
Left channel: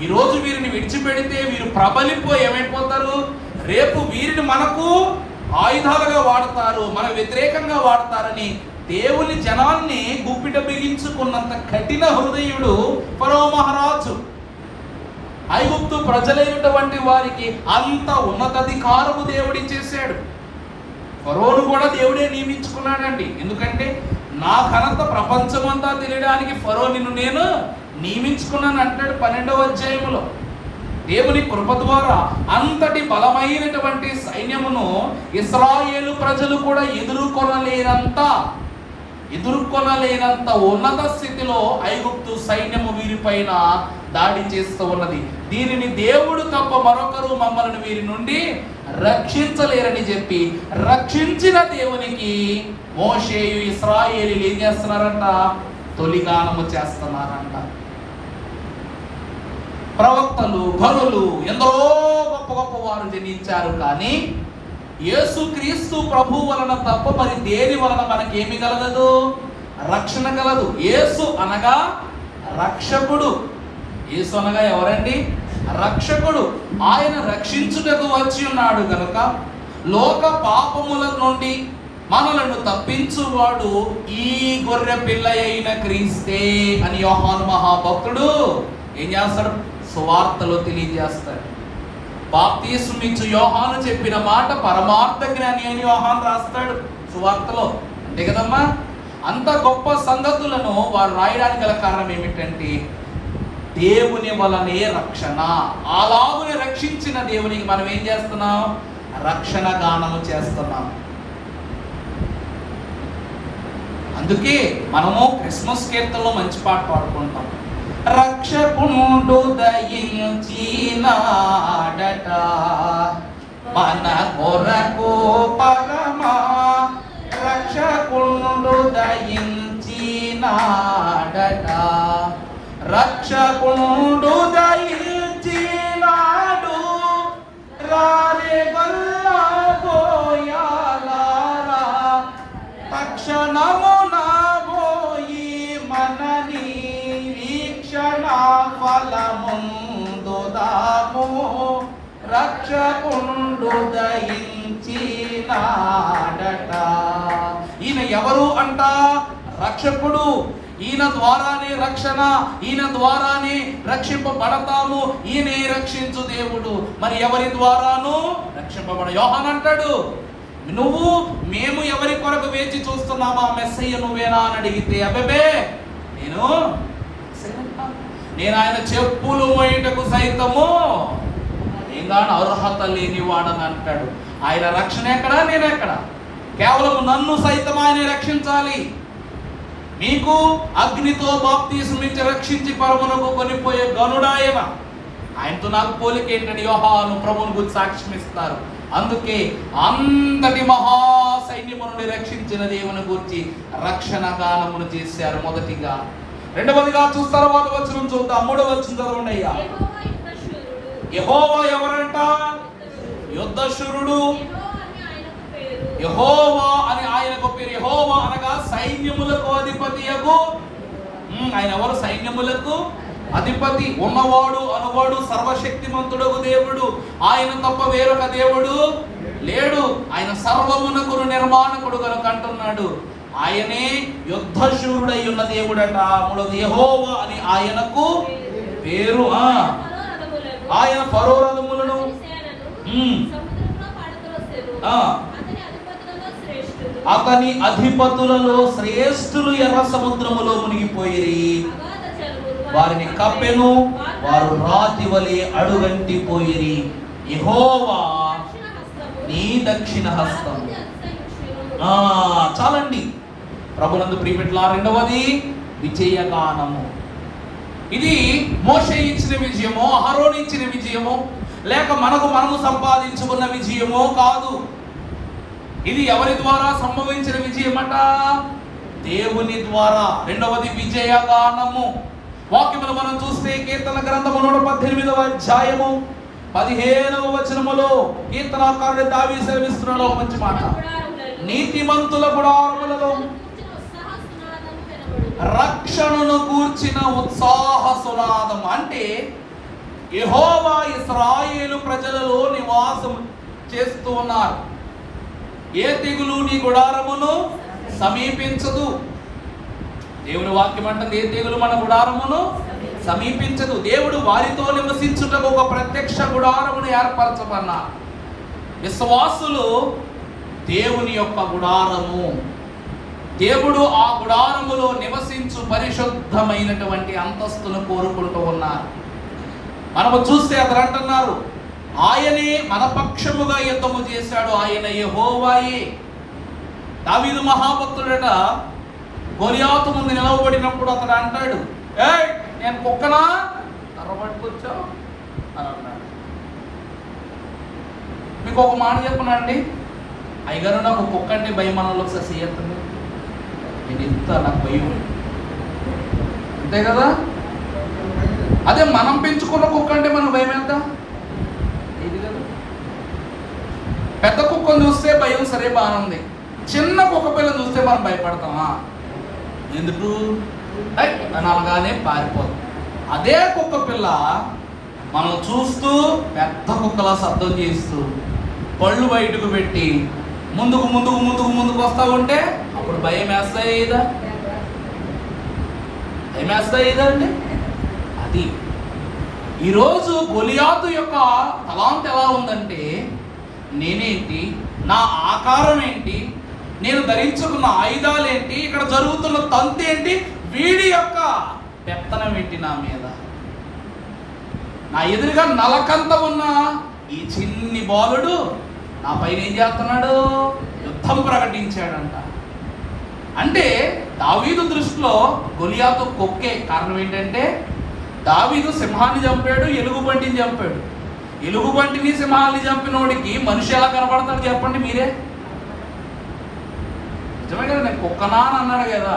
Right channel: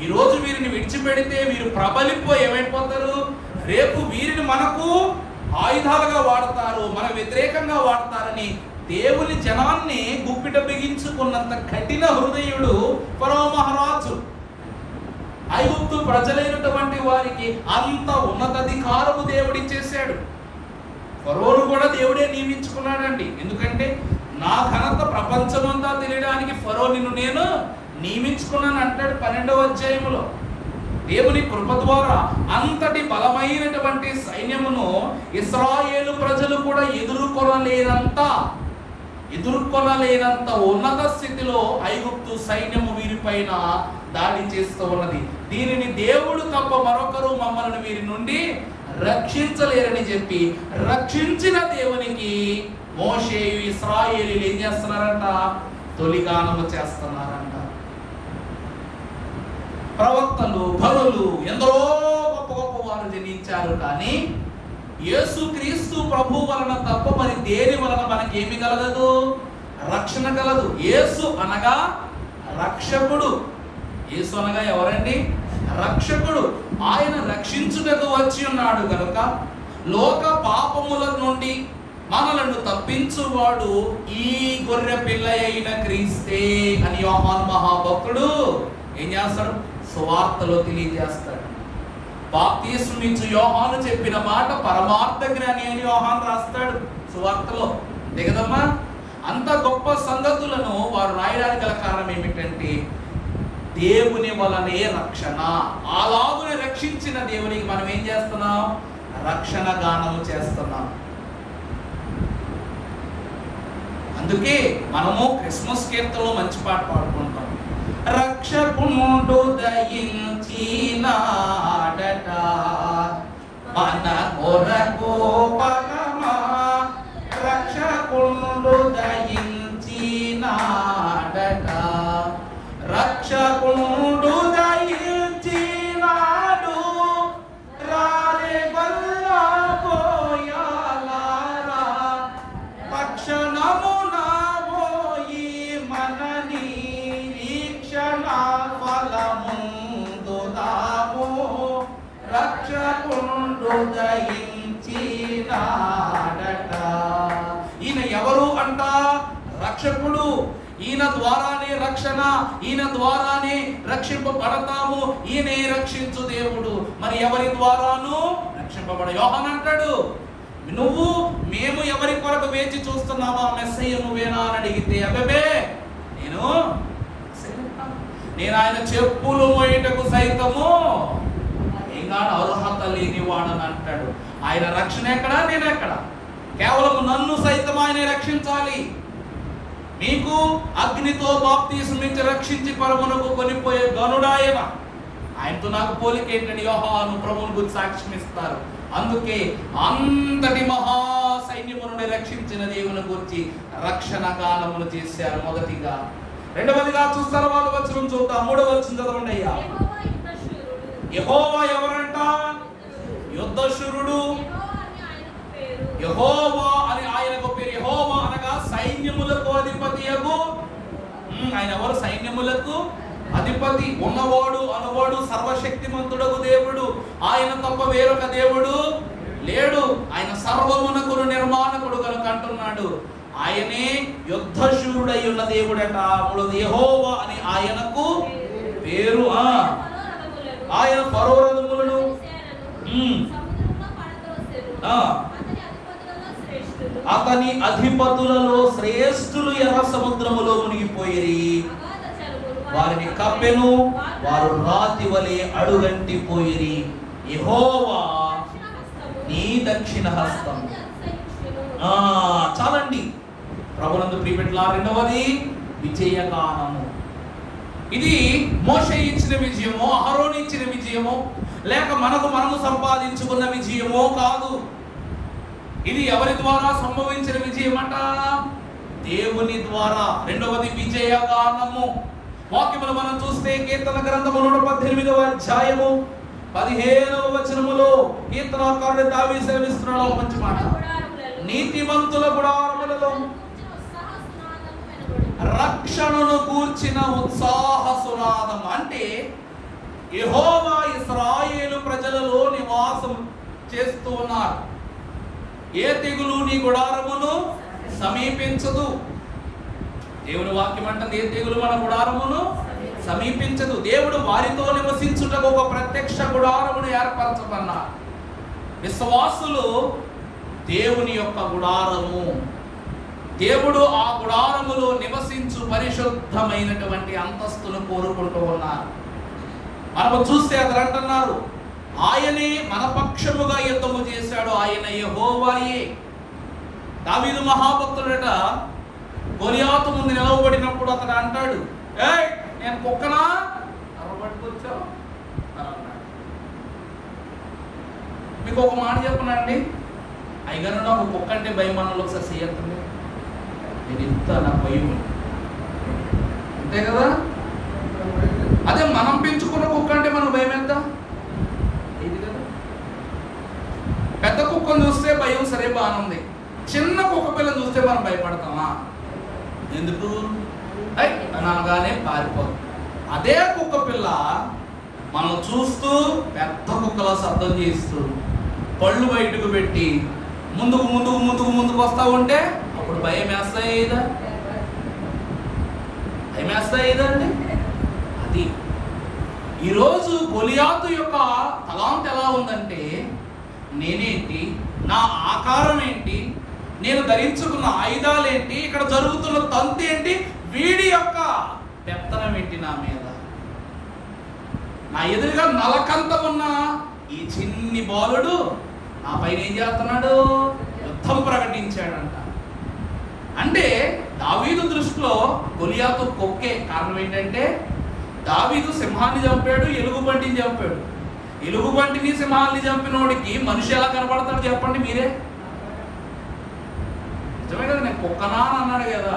ఈరోజు వీరిని విడిచిపెడితే వీరు ప్రబలిపోయి ఏమైపోతారు, రేపు వీరిని మనకు ఆయుధాలుగా వాడతారు, మన వ్యతిరేకంగా వాడతారని దేవుని జనాన్ని గుప్పిట బిగించుకున్నంత కఠిన హృదయుడు ఫరో మహారాజు. ఐగుప్తు ప్రజలైనటువంటి వారికి అంత ఉన్నతాధికారము దేవుడిచ్చేశాడు. ఫరోను కూడా దేవుడే నియమించుకున్నాడండి. ఎందుకంటే నా ఘనత ప్రపంచమంతా తెలియడానికి ఫరో నిన్ను నేను నియమించుకున్నాను అంటాడు 12వ అధ్యాయములో. దేవుని కృప ద్వారా అంతటి బలమైనటువంటి సైన్యమును ఇశ్రాయేలు ప్రజలు కూడా ఎదుర్కొనలేనంత ఉన్నత స్థితిలో ఐగుప్తు సైన్యము వీరిపైన దాడి చేస్తూ ఉన్నది. దీనిని దేవుడు తప్ప మరొకరు మమ్మల్ని వీరి నుండి రక్షించలేరని చెప్పి రక్షించిన దేవునికి మోషేయు ఇశ్రాయేలీలు ఏం చేస్తున్నారంట? తొలిగానము చేస్తున్నారంట. ప్రవక్తలు, భరులు, ఎందరో గొప్ప గొప్ప వారు జనించారు. కానీ యేసుక్రీస్తు ప్రభు వలన తప్ప మరి దేని వలన మనకేమి కలగదు? రక్షణ కలదు. యేసు అనగా రక్షకుడు. యేసు అనగా ఎవరండి? రక్షకుడు. ఆయన రక్షించుటకు వచ్చి ఉన్నాడు గనుక లోక పాపముల నుండి మనలను తప్పించువాడు ఈ గొర్రె పిల్ల అయిన క్రీస్తే అని యోహాను మహాభక్తుడు ఏం చేస్తాడు? సువార్తలో తెలియజేస్తాడు. బాప్తిస్మమిచ్చు యోహాను చెప్పిన మాట పరమార్థ జ్ఞాని అని యోహాను రాస్తాడు సువార్తలో. అంతే కదమ్మా? అంత గొప్ప సంగతులను వారు రాయడానికి గల కారణం ఏమిటంటే దేవుని వలనే రక్షణ. అలాగుని రక్షించిన దేవునికి మనం ఏం చేస్తున్నాం? రక్షణ గానము చేస్తున్నాం. అందుకే మనము క్రిస్మస్ కీర్తనలో మంచి పాట పాడుకుంటాం. రక్షకుండు దయించినాడట మన కొరకు పరమా, రక్షకుండు దయించినాడట, రక్షకుండు దయించినాడు, రారే గల్లా పోయాలారా, తక్షణమున పోయి మన నిరీక్షణ ఫలముందుదాము, రక్షకుండు దయించినాడట. ఈయన ఎవరు అంట? రక్షకుడు. ఈయన ద్వారానే రక్షణ, ఈయన ద్వారానే రక్షింపబడతాము. ఈయనే రక్షించు దేవుడు. మరి ఎవరి ద్వారాను రక్షింపబడ? యోహాను అంటాడు, మేము ఎవరి కొరకు వేచి చూస్తున్నామా? మెస్సయ్య నువ్వేనా అని అడిగితే అబ్బే నేను ఆయన చెప్పులు మోయుటకు సైతము ఇంకా అర్హత లేని వాడని అంటాడు. ఆయన రక్షణ ఎక్కడా? నేను ఎక్కడ? కేవలం నన్ను సైతం ఆయన రక్షించాలి. మీకు అగ్నితో బాప్తిస్మమిచ్చి రక్షించి పరమునకు కొనిపోయే గనుడాయన. ఆయనతో నాకు పోలిక ఏంటని యోహాను ప్రభువుని గురించి సాక్ష్యం ఇస్తారు. అందుకే అంతటి మహా సైన్యము నుండి రక్షించిన దేవుని గురించి రక్షణ గానమును చేశారు మొదటిగా. రెండవదిగా చూస్తారు వాళ్ళు వచనం చూద్దాం. 3వ వచనం చదవండి అయ్యా. యెహోవా ఎవరంట? యుద్ధశూరుడు. యెహోవా అని ఆయనకు పేరు. యెహోవా అనగా సైన్యములకు అధిపతియగు. ఆయన ఎవరు? సైన్యములకు అధిపతి. ఉన్నవాడు అనువాడు సర్వశక్తిమంతుడగు దేవుడు. ఆయన తప్ప వేరొక దేవుడు లేడు. ఆయన సర్వమునకు నిర్మాణకుడు కనుక అంటున్నాడు. ఆయనే యుద్ధశూరుడై ఉన్న దేవుడట. మూడవది యెహోవా అని ఆయనకు పేరు. ఆయన ఫరో రథములను అతని అధిపతులలో శ్రేష్ఠులు ఎర్ర సముద్రములో మునిగిపోయిరి. వారిని కప్పెను, వారు రాతి వలె అడుగంటిపోయిరి. యెహోవా నీ దక్షిణ హస్తం. చాలండి ప్రభునందు ప్రియబిడ్డలా. రెండవది విజయగానము. ఇది మోషే ఇచ్చిన విజయమో, అహరోను ఇచ్చిన విజయమో, లేక మనము సంపాదించుకున్న విజయమో కాదు. ఇది ఎవరి ద్వారా సంభవించిన విజయమట? దేవుని ద్వారా. రెండవది విజయగానము. వాక్యములు మనం చూస్తే కీర్తన గ్రంథము 118వ అధ్యాయము 15వ వచనములో కీర్తనాకారుడు దావీదు సెలవిస్తున్నాడు ఒక మంచి మాట. నీతిమంతుల గుడారములలో రక్షణను కూర్చిన ఉత్సాహ సునాదం. అంటే యెహోవా ఇశ్రాయేలు ప్రజలలో నివాసం చేస్తూ ఉన్నారు. ఏ తెగులు నీ గుడారమును సమీపించదు. దేవుని వాక్యం అంటుంది ఏ తెగులు మన గుడారమును సమీపించదు. దేవుడు వారితో నివసించుటకు ఒక ప్రత్యక్ష గుడారమును ఏర్పరచమన్నారు. విశ్వాసులు దేవుని యొక్క గుడారము. దేవుడు ఆ గుడారములో నివసించు పరిశుద్ధమైనటువంటి అంతస్తును కోరుకుంటూ ఉన్నారు. మనము చూస్తే అతను అంటున్నారు, ఆయనే మన పక్షముగా యుద్ధము చేశాడు, ఆయన యెహోవాయే. దావీదు మహాభక్తుడట గొలియాతు ముందు నిలవబడినప్పుడు అతడు అంటాడు, ఏయ్ నేను కుక్కనా కర్రబట్టుకొచ్చావు అని అన్నాడు. మీకు ఒక మాట చెప్పనండి, అయ్యగారు నాకు కుక్క అంటే భయం అన్న ఒకసారి చేయత్తుంది. నేను ఇంత నాకు భయం అంతే కదా. అదే మనం పెంచుకున్న కుక్క అంటే మనం భయం ఎంత ఇది కదా. పెద్ద కుక్కను చూస్తే భయం సరే బాగానే ఉంది, చిన్న కుక్క పిల్లని చూస్తే మనం భయపడతామా? ఎందుకు? అని అనగానే పారిపోతుంది. అదే కుక్క పిల్ల మనం చూస్తూ పెద్ద కుక్కలా శబ్దం చేస్తూ పళ్ళు బయటకు పెట్టి ముందుకు ముందుకు ముందుకు ముందుకు వస్తా ఉంటే అప్పుడు భయం వేస్తాయిదా? భయం వేస్తాయిదా అండి? అది ఈరోజు గొలియాతు యొక్క తలాంత్ ఎలా ఉందంటే, నేనేంటి, నా ఆకారం ఏంటి, నేను ధరించుకున్న ఆయుధాలు ఏంటి, ఇక్కడ జరుగుతున్న తంతు ఏంటి, వీడి యొక్క పెత్తనం ఏంటి నా మీద. నా ఎదురుగా నలకంత ఉన్న ఈ చిన్ని బాలుడు నా పైన ఏం చేస్తున్నాడు? యుద్ధం ప్రకటించాడంట. అంటే దావీదు దృష్టిలో గొలియాతు కుక్కే. కారణం ఏంటంటే దావీదు సింహాన్ని చంపాడు, ఎలుగుబంటిని చంపాడు. ఎలుగుబంటిని సింహాన్ని చంపినోడికి మనిషి ఎలా కనపడతాడు చెప్పండి మీరే. నిజమే కదా, నేను కుక్కనా అని అన్నాడు కదా.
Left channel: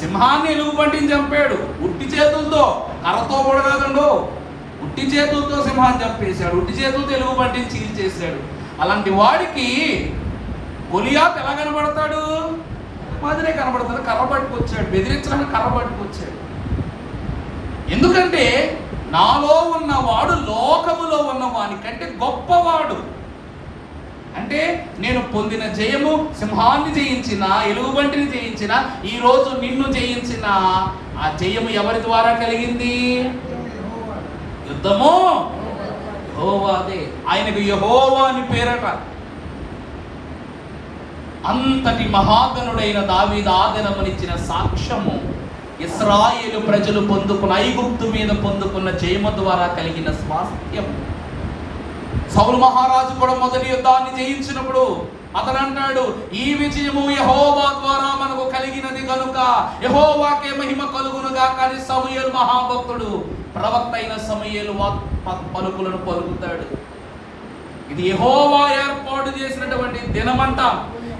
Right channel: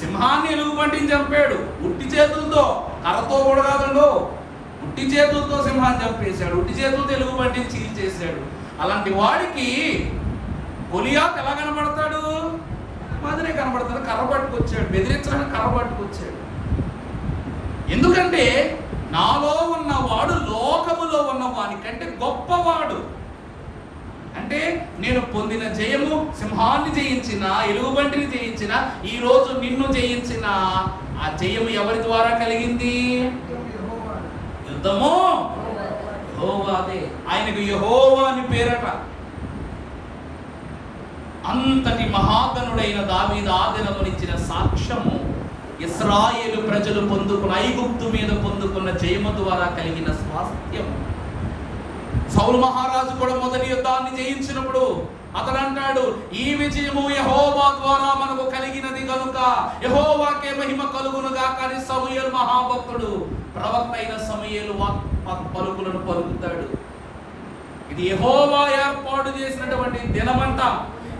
సింహాన్ని ఎలుగుబంటిని చంపాడు ఉట్టి చేతులతో, కర్రతో కూడా కాదండు, ఉట్టి చేతులతో సింహాన్ని చంపేశాడు, ఉట్టి చేతులతో ఎలుగుబంటిని చీల్చేశాడు. అలాంటి వాడికి గొలియాతు ఎలా కనబడతాడు? మాదిరే కనబడతాడు. కర్ర పట్టుకొచ్చాడు, బెదిరించడానికి కర్ర పట్టుకొచ్చాడు. ఎందుకంటే నాలో ఉన్నవాడు లోకములో ఉన్న వానికంటే గొప్పవాడు. అంటే నేను పొందిన జయము సింహాన్ని జయించిన, ఎలుగుబంటిని జయించిన, ఈ రోజు నిన్ను జయించిన ఆ జయము ఎవరి ద్వారా కలిగింది? యుద్ధము యెహోవాదే. ఆయనకు యెహోవా అని పేరట. అంతటి మహాగణుడైన దావీదు ఆదనమునిచ్చిన సాక్ష్యము ఇశ్రాయేలు ప్రజలు పొందుకున్న, ఐగుప్తు మీద పొందుకున్న జయము ద్వారా కలిగిన స్వాస్థ్యము. సౌలు మహారాజు కూడా మొదటి యుద్ధాన్ని జయించినప్పుడు అతను అంటాడు, ఈ విజయము యెహోవా ద్వారా మనకు కలిగినది కనుక యెహోవాకే మహిమ కలుగునుగా. కానీ సమూయేలు మహాభక్తుడు, ప్రవక్త అయిన సమూయేలు పలుకులను పలుకుతాడు. ఇది యెహోవా ఏర్పాటు చేసినటువంటి దినమంట,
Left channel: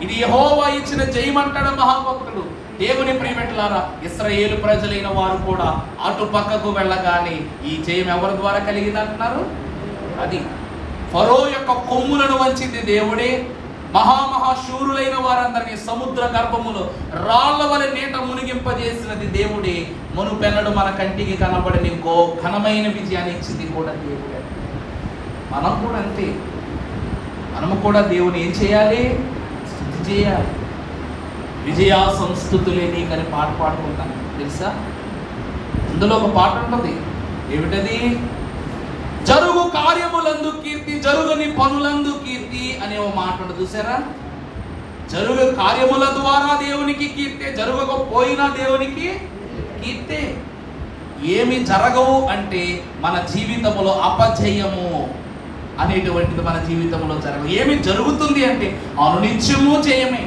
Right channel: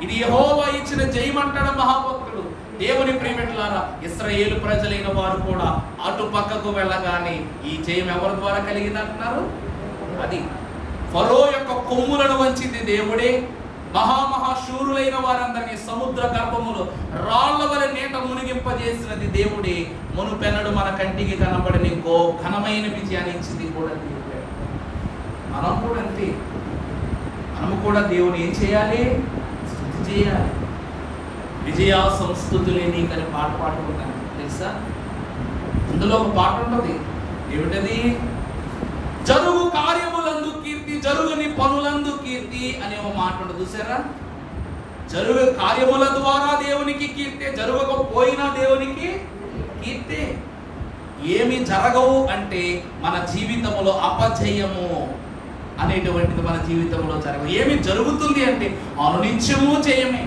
ఇది యెహోవా ఇచ్చిన జయమంటాడు మహాభక్తుడు. దేవుని ప్రియమిట్లారా, ఇశ్రాయేలు ప్రజలైన వారు కూడా అటు పక్కకు వెళ్ళగానే ఈ జయం ఎవరి ద్వారా కలిగింది అంటున్నారు? అది ఫరో యొక్క కొమ్ములను వంచింది దేవుడే. మహామహాశూరులైన వారందరినీ సముద్ర గర్భములో రాళ్ల వలె నీట మునిగింపజేసినది దేవుడే. మునుపెన్నడు మన కంటికి కనబడని ఘనమైన విజయాన్ని ఇచ్చింది కూడా దేవుడే. మనం కూడా అంతే. మనము కూడా దేవుని ఏం చేయాలి? స్తుతి చేయాలి. విజయా సంస్థుతులే నీకని పాట పాడుకుంటాను తెలుసా. అందులో ఒక పాట ఉంటుంది, ఏమిటది? జరుగు కార్యములందు కీర్తి, జరుగుని పనులందు కీర్తి అనే ఒక మాట ఉంటుంది చూసారా. జరుగు కార్యముల ద్వారా దేవునికి కీర్తే, జరగకపోయినా దేవునికి కీర్తే. ఏమి జరగవు అంటే మన జీవితంలో అపజయము అనేటువంటిది మన జీవితంలో జరగదు. ఏమి జరుగుతుంది అంటే అనునిత్యము జయమే.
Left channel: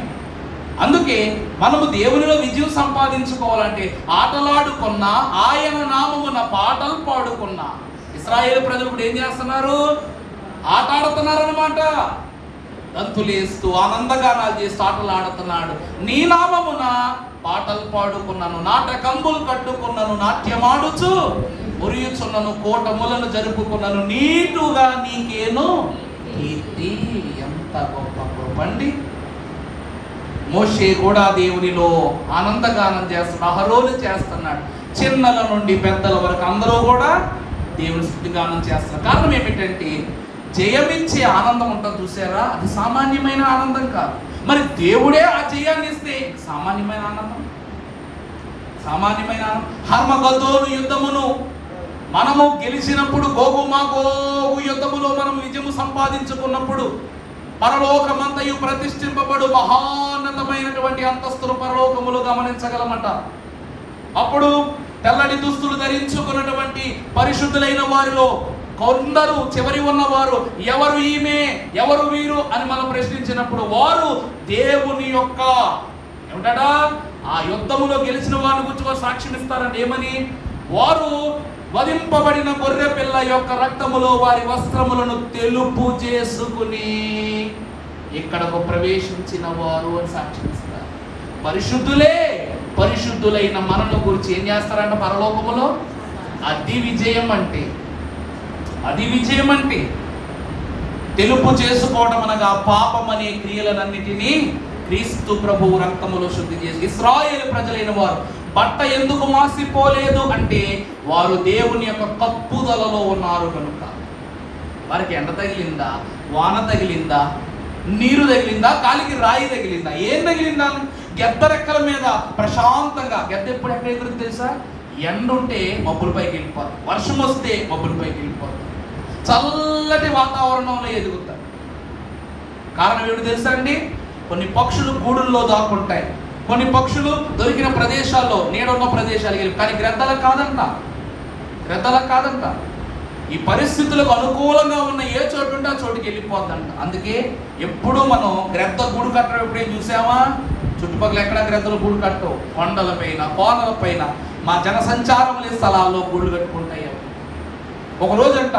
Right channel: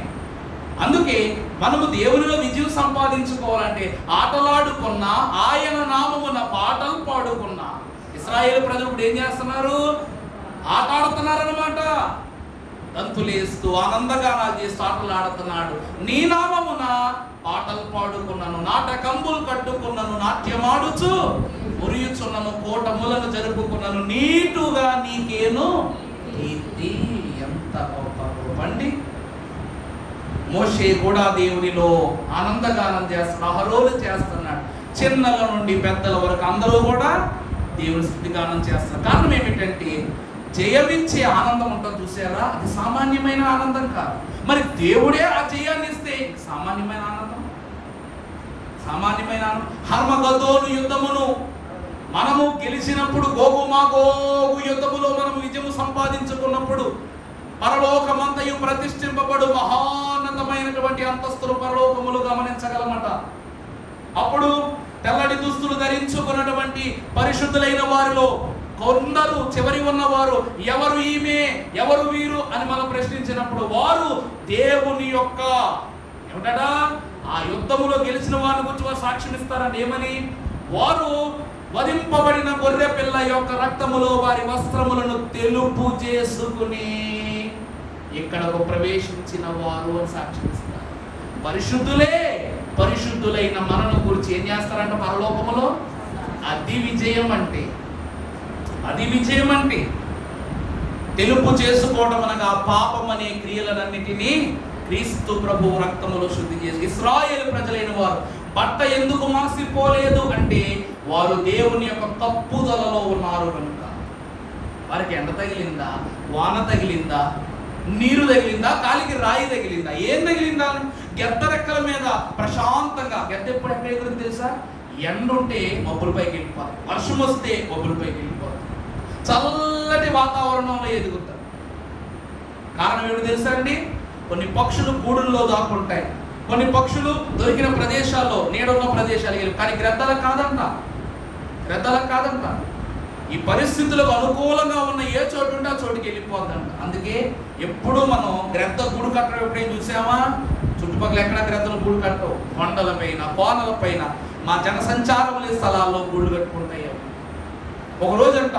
అందుకే మనము దేవునిలో విజయం సంపాదించుకోవాలంటే ఆటలాడుకున్నా, ఆయన నామమున పాటలు పాడుకున్నా. ఇశ్రాయేలు ప్రజలు ఇప్పుడు ఏం చేస్తున్నారు? ఆట ఆడుతున్నారు అన్నమాట. దంతులేస్తూ ఆనందగానాలు చేస్తూ ఆటలు ఆడుతున్నాడు. నీ నామమున పాటలు పాడుకున్నాను, నాటకంబులు కట్టుకున్నాను, నాట్యమాడుచు మురియుచున్నాను, కోటములను జరుపుకున్నాను, నీటుగా నీకేను కీర్తి. ఎంత గొప్ప కృపండి. మోషే కూడా దేవునిలో ఆనందగానం చేస్తున్నాడు, అహరోను చేస్తున్నాడు. చిన్నల నుండి పెద్దల వరకు అందరూ కూడా దేవుని స్తుతిగానం చేస్తున్నారు. కారణం ఏమిటంటే జయమిచ్చే ఆనందం ఉంటుంది చూసారా, అది సామాన్యమైన ఆనందం కాదు. మరి దేవుడే ఆ జయాన్ని ఇస్తే సామాన్యమైన ఆనందం. సామాన్యమైన హర్మగదోను యుద్ధమును మనము గెలిచినప్పుడు, గోగు యుద్ధములో మనం విజయము సంపాదించుకున్నప్పుడు పరలోకమంతయు ప్రతిష్ఠింపబడు మహాన్నతమైనటువంటి అంతస్తులు పరలోకములు గమనించగలమట. అప్పుడు తెల్లటి దుస్తులు ధరించుకున్నటువంటి పరిశుద్ధులైన వారిలో కొందరు చివరి ఉన్నవారు ఎవరు ఈమె, ఎవరు వీరు అని మనం ప్రశ్నించినప్పుడు వారు దేవుని యొక్క ఏమిటా ఆ యుద్ధములో గెలిచిన వారిని గురించి వారు సాక్ష్యం ఇస్తారండి. ఏమని? వారు వధింపబడిన గొర్రె పిల్ల యొక్క రక్తములో వారి వస్త్రములను తెలుపు చేసుకుని ఇక్కడకు ప్రవేశించిన వారు అని సాక్ష్యం ఇస్తారు. పరిశుద్ధులే, పరిశుద్ధులైన మనను గురించి ఏం చేస్తారంట పరలోకములో? అది విజయం అంటే, అది విజయం అంటే తెలుపు చేసుకోవడం అనగా పాపం అనే క్రియలన్నిటినీ క్రీస్తు ప్రభువు రక్తములో శుద్ధి చేసి. ఇశ్రాయేలు ప్రజలైన వారు బట్ట ఎందుకు మాసిపోలేదు అంటే వారు దేవుని యొక్క కప్పుదలలో ఉన్నారు కనుక. వారికి ఎండ తగిలిందా, వాన తగిలిందా, నీరు తగిలిందా, కాలికి రాయి తగిలిందా, ఏం తగిలిందా? గెద్ద రెక్కల మీద ప్రశాంతంగా, గెద్ద ఎప్పుడు ఎక్కడ ఎగురుతుంది తెలుసా? ఎండ ఉంటే మబ్బులపైకి వెళ్ళిపోదు, వర్షం వస్తే మబ్బులపైకి వెళ్ళిపోదు, చల్లటి వాతావరణంలో ఎదుగుతారు. కారణం ఏమిటి తెలుసా అండి? కొన్ని పక్షులు గూడుల్లో దాక్కుంటాయి, కొన్ని పక్షులు దొరికిన ప్రదేశాల్లో, నీడున్న ప్రదేశాలకు వెళ్ళి. కానీ గ్రద్దలకు కాదంట, గ్రద్దలకు కాదంట. ఈ పరిస్థితులకు అనుకూలంగా ఉన్న ఏ చోటు ఉంటే ఆ చోటుకి వెళ్ళిపోద్దంట. అందుకే ఎప్పుడు మనం గ్రద్ద గూడు కట్టడం ఎప్పుడేం చూసామా? చుట్టుపక్కల ఎక్కడ గ్రద్దలు గూడు కట్టవు. కొండల పైన, కోనల పైన, మా జనసంచారం లేని స్థలాల్లో గూళ్ళు కట్టుకుంటాయి. ఒక రోజంట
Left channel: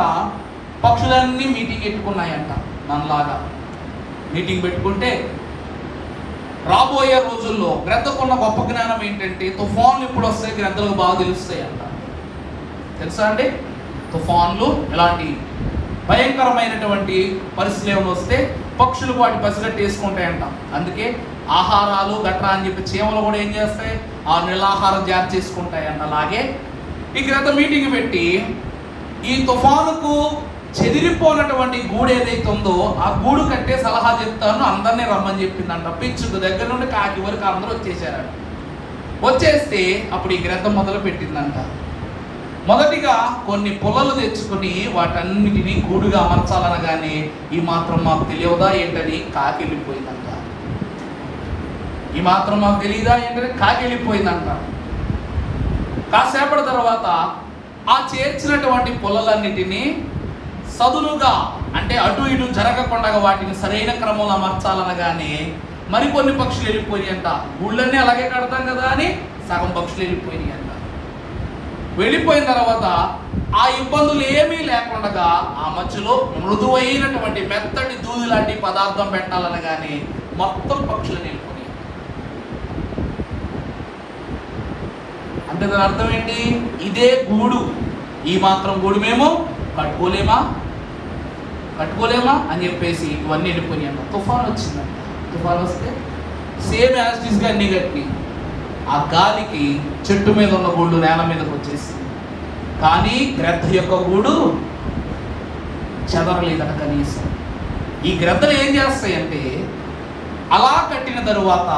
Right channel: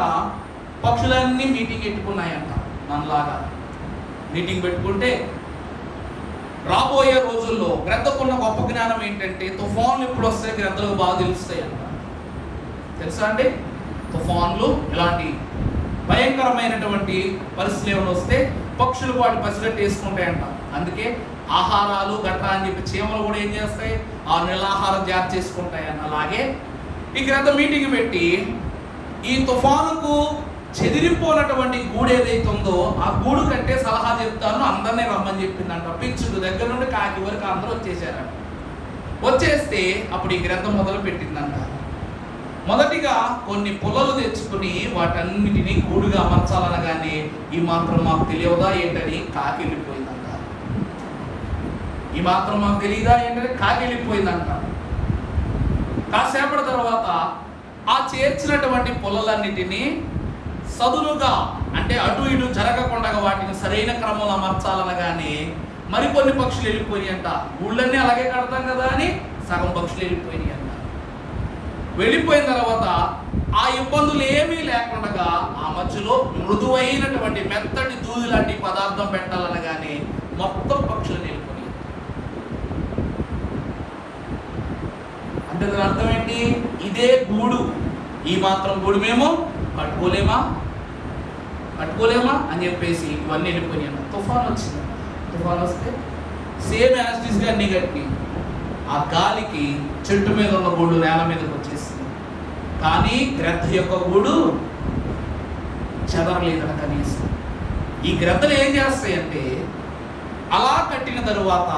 పక్షులన్నీ మీటింగ్ పెట్టుకున్నాయంట. మనలాగా మీటింగ్ పెట్టుకుంటే రాబోయే రోజుల్లో గ్రద్దకున్న గొప్ప జ్ఞానం ఏంటంటే తుఫాన్లు ఎప్పుడు వస్తాయి గ్రద్దలకు బాగా తెలుస్తాయి అంట. తెలుసా అండి? తుఫాన్లు ఇలాంటి భయంకరమైనటువంటి పరిస్థితులు ఏమైనా వస్తే పక్షులు వాటి పసిగట్టి వేసుకుంటాయంట. అందుకే ఆహారాలు గట్రా అని చెప్పి చీమలు కూడా ఏం చేస్తాయి? ఆ నిలాహారం జాగ్రత్త చేసుకుంటాయంట. అలాగే ఈ గ్రద్ద మీటింగ్ పెట్టి ఈ తుఫానుకు చెదిరిపోయినటువంటి గూడు ఏదైతే ఉందో ఆ గూడు కట్టే సలహా చెప్తాను, అందరినీ రమ్మని చెప్పిందంట. పిచ్చుకు దగ్గర నుండి కాకి వరకు అందరూ వచ్చేసారంట. వచ్చేస్తే అప్పుడు ఈ గ్రద్ద మొదలు పెట్టిందంట. మొదటిగా కొన్ని పుల్లలు తెచ్చుకుని వాటన్నిటినీ గూడుగా అమర్చాలనగానే ఈ మాత్రం మాకు తెలియదా ఏంటని కాకి వెళ్ళిపోయిందంట. ఈ మాత్రం మాకు తెలియదా ఏంటని కాకి వెళ్ళిపోయిందంట. కాసేపటి తర్వాత ఆ చేర్చినటువంటి పుల్లలన్నిటినీ సదులుగా, అంటే అటు ఇటు జరగకుండా వాటిని సరైన క్రమంలో అమర్చాలనగానే మరికొన్ని పక్షులు వెళ్ళిపోయినాయి అంట. గూళ్ళన్నీ అలాగే కడతాం కదా అని సగం పక్షులు వెళ్ళిపోయినాయి అంట. వెళ్ళిపోయిన తర్వాత ఆ ఇబ్బందులు ఏమీ లేకుండా ఆ మధ్యలో మృదువైనటువంటి మెత్తటి దూది లాంటి పదార్థం పెట్టాలనగానే మొత్తం పక్షులు వెళ్ళిపోయినాయి. అంటే దాని అర్థం ఏంటి? ఇదే గూడు, ఈ మాత్రం గూడు మేము కట్టుకోలేమా అని చెప్పేసి ఇవన్నీ వెళ్ళిపోయినాయి అన్న. తుఫాన్ వచ్చింది. తుఫాన్ వస్తే సేమ్ యాజిటీస్గా అన్ని కట్టి ఆ గాలికి చెట్టు మీద ఉన్న గూడు నేల మీదకి వచ్చేసింది. కానీ గ్రద్ద యొక్క గూడు చెదరలేదట కనీసం. ఈ గ్రద్దలు ఏం చేస్తాయంటే అలా కట్టిన తరువాత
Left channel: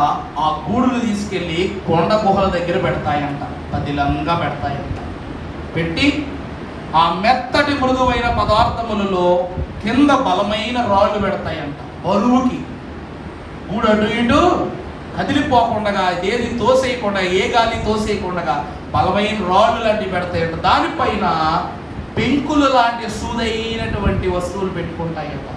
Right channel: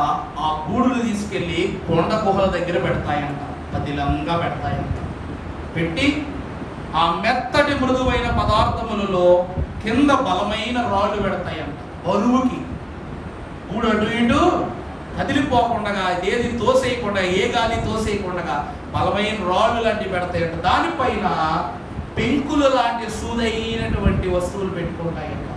ఆ గూడును తీసుకెళ్లి కొండ గుహల దగ్గర పెడతాయంట, పదిలంగా పెడతాయంట. పెట్టి ఆ మెత్తటి మృదువైన పదార్థములలో కింద బలమైన రాళ్ళు పెడతాయంట. బరువుకి గూడు అటు ఇటు కదిలిపోకుండా, ఏది తోసేయకుండా, ఏ గాలి తోసేయకుండా బలమైన రాళ్ళు లాంటివి పెడతాయంట. దానిపైన పెంకులు లాంటి సూదైనటువంటి వస్తువులు పెట్టుకుంటాయంట.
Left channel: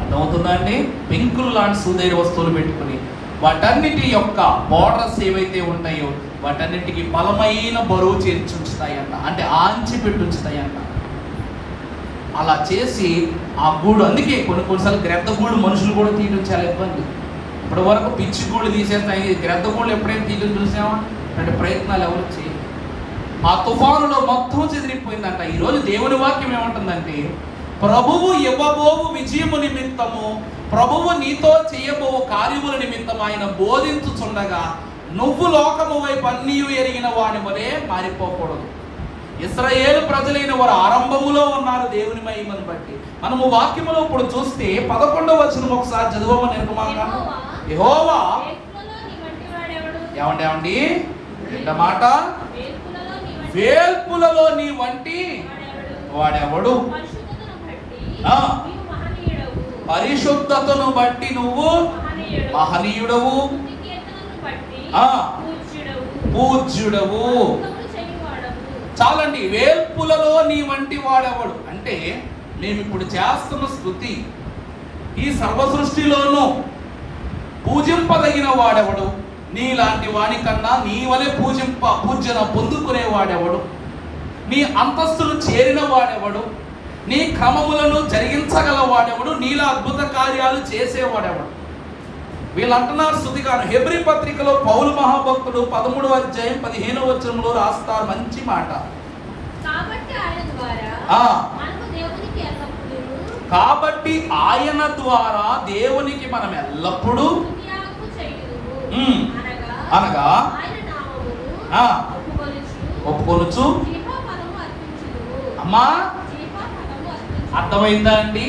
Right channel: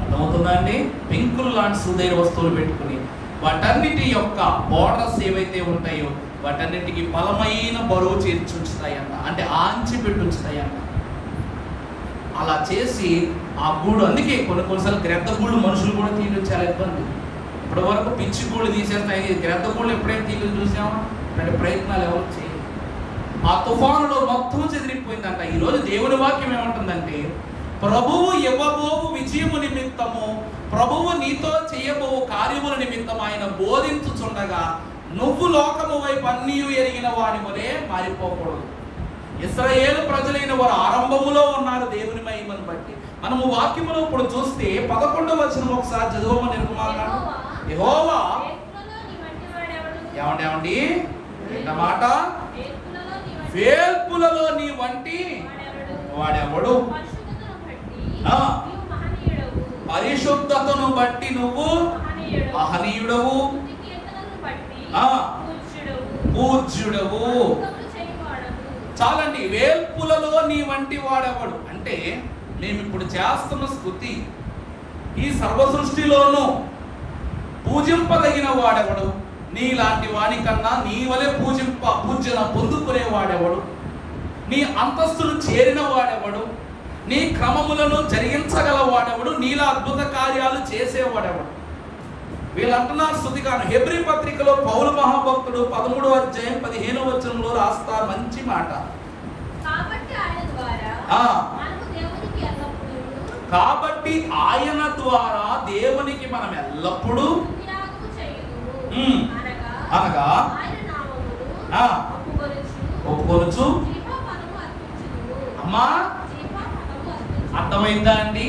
అర్థమవుతుందా అండి? పెంకులు లాంటి సూదైన వస్తువులు పెట్టుకుని వాటన్నిటి యొక్క బోర్డర్స్ ఏవైతే ఉంటాయో వాటన్నిటికి బలమైన బరువు చేర్చి ఉంచుతాయంట, అంటే ఆంచి పెట్టి ఉంచుతాయంట. అలా చేసి ఆ గూడు, అందుకే కొన్నిసార్లు గ్రద్ద గూడు మనుషులు కూడా తీయడం చాలా ఇబ్బంది. ఇప్పటి వరకు పిచ్చి గూళ్ళు తీసేస్తాయి, గ్రద్ద గూళ్ళు ఎప్పుడైనా తీయడం చూసామా? అంటే ప్రయత్నాలు ఎవరు చేయరు. ఆ తుఫానులో మొత్తం చెదిరిపోయిందంట. ఈరోజు దేవుని వాక్యం ఏమంటుందంటే ప్రభువు ఇవ్వబోవు విజయము నిమిత్తము, ప్రభువు నీతో చేయబో కార్యముల నిమిత్తం ఆయన బోధించుచుండగా నువ్వు లోకము వైపు అన్నీ ఎరిగిన వాని వలె మారిపోకూడదు. ఇశ్రాయేలు ప్రజలైన వారు ఆరంభములో ఉన్నారు దేవుని మహిమను బట్టి. మనము వాక్యములో ఇప్పుడు చూస్తే 11వ వచనం ఒకసారి చదువమని నిర్మాణ. యెహోవా ఏమండి మాట, వేల్పులలో నీ వంటి వాడెవడు? పరిశుద్ధతను బట్టి నువ్వు మహనీయుడవు, పూజ్యుడవు. చాలండి. వేల్పులలో నీ వంటి వాడెవడు అంటే మేము ఇప్పుడు చేస్తున్న స్తుతి ఈ సర్వ సృష్టిలోనూ పూజింపదగిన వాడెవడు? నీలాంటి వాడి కన్నా నీ వలె పూజన పొందుకునే వాడెవడు? నీ అంతస్తులు చేరిన వాడెవడు? నీ క్రమములను జరిగించగల వాడెవడు? నీలా అద్భుత కార్యాలు చేసేవాడెవడు? వీళ్ళు అంటున్నారు స్తుతిగాను. హెబ్రీ పత్రికలో పౌలు మహాభక్తుడు 13వ అధ్యాయం 15వ వచనంలో రాస్తారు మంచి మాట. కాబట్టి ఆయన ద్వారా దేవునికి మనం ఎల్లప్పుడూ అనగా ఒప్పుకోవచ్చు. అమ్మా అర్థమైందా అండి?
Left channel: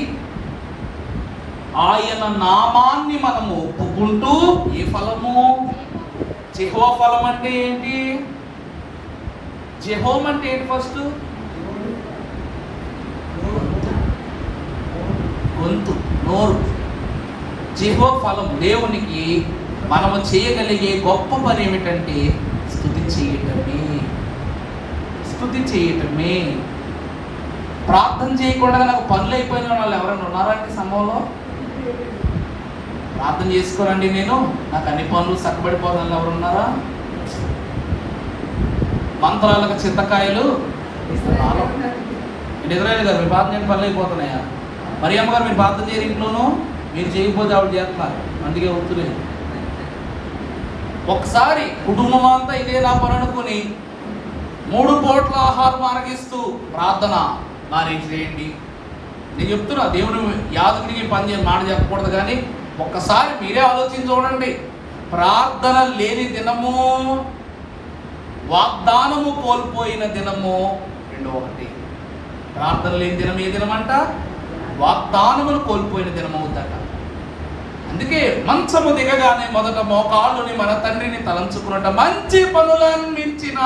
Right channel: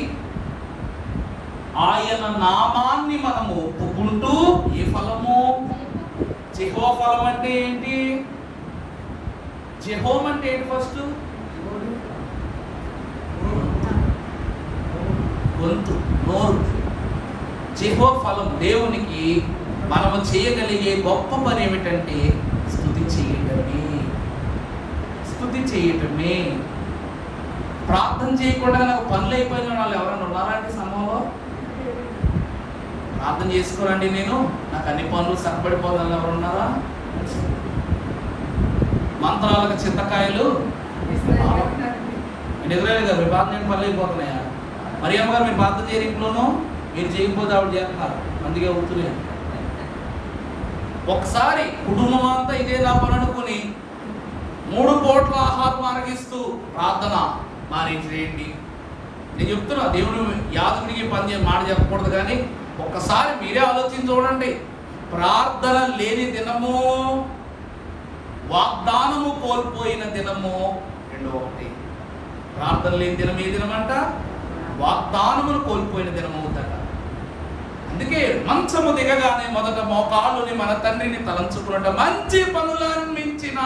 ఆయన నామాన్ని మనము ఒప్పుకుంటూ ఏ ఫలము? జెహోవా ఫలం అంటే ఏంటి? జెహోమ్ అంటే ఏంటి? ఫస్ట్ గొంతు, నోరు. జెహోవా ఫలం దేవునికి మనము చేయగలిగే గొప్ప పని ఏమిటంటే స్తుతి చేయటమే. స్తుతి చేయటమే. ప్రార్థన చేయకుండా నాకు పనులు అయిపోయిన వాళ్ళు ఎవరైనా ఉన్నారా అంటే సంభవంలో? ప్రార్థన చేసుకోరండి నేను నాకు అన్ని పనులు చక్కబడిపోవాలని ఎవరున్నారా? మంత్రాలకు చింతకాయలు ఎదురైన గారు మీరు ప్రార్థన చేయడం పనులు అయిపోతున్నాయా? మరి అమ్మగారు మీరు ప్రార్థన చేయరు ఇంట్లోనూ, మీరు చేయకపోతే ఆవిడ చేస్తున్నారు, అందుకే ఒత్తులేదు. ఒకసారి కుటుంబం అంతా ఇదే నా పని అనుకుని 3 పూట్ల ఆహారం ఆరగిస్తూ ప్రార్థన మానేసేయండి. నేను చెప్తున్నా, దేవుడు యాజకుడికి పని మాట చెప్పకూడదు, కానీ ఒక్కసారి మీరే ఆలోచించి చూడండి. ప్రార్థన లేని దినము, వాగ్దానము కోల్పోయిన దినము రెండో ఒకటి. ప్రార్థన లేని దినం ఏ దినం అంట? వాగ్దానమును కోల్పోయిన దినం అవుతాట. అందుకే మంచము దిగగానే మొదట మోకాళ్ళుని మన తండ్రిని తలంచుకున్నట, మంచి పనులను మించిన